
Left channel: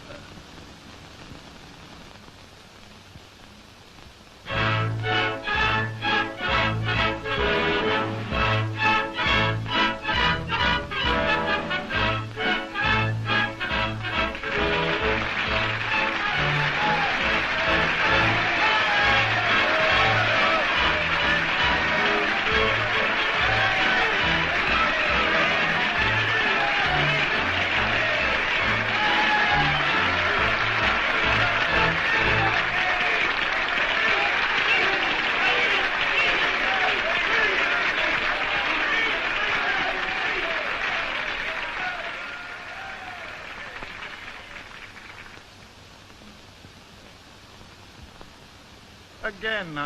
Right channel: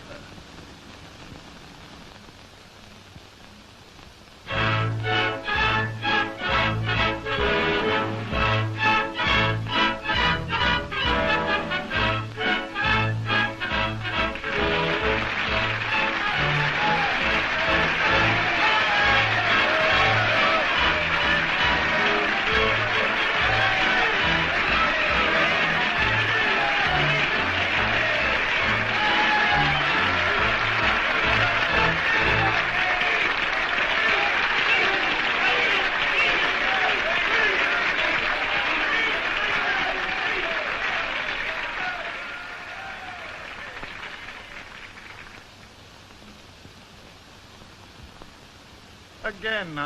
Again,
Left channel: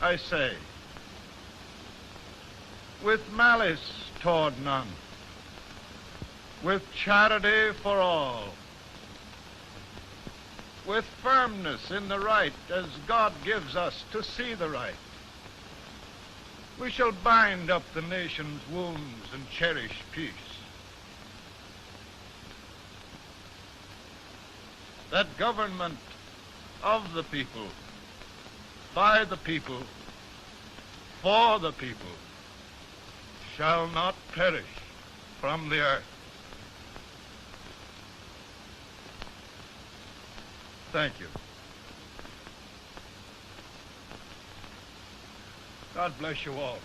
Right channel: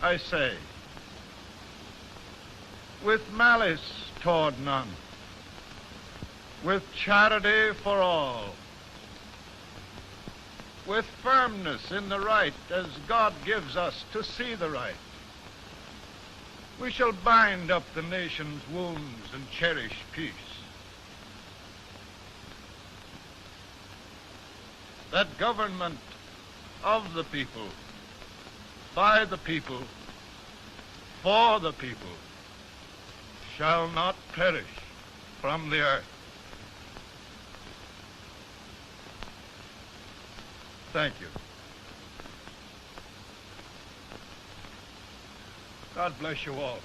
I say, with malice toward none, with charity for all, with firmness in the right as God gives us to see the right, we shall bind up the nation's wounds and cherish peace. That government of the people, by the people, for the people, shall not perish from the earth. Thank you. God bless you all.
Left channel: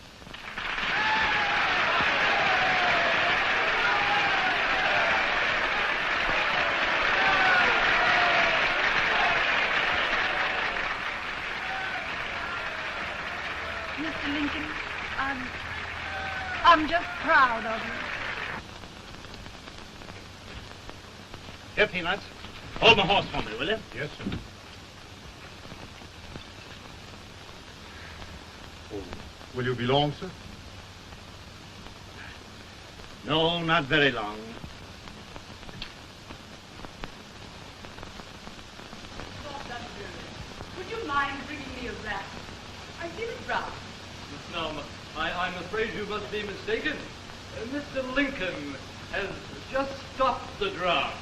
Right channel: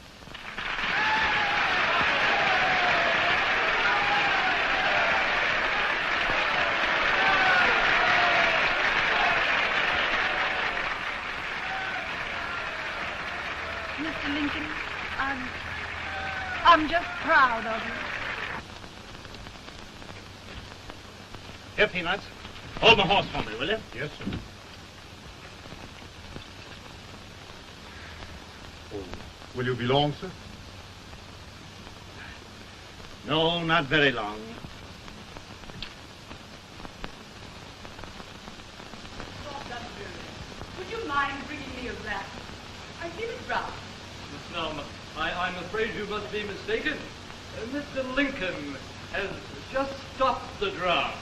I'm just proud of you. Here, Peanuts. Hold my horse for me, will you? Yes, sir. Oh, will you be long, sir? No, not very long. Would you mind bringing me a glass? I give it round. No, I'm afraid you must be mistaken. Mr. Lincoln has just stopped the draft.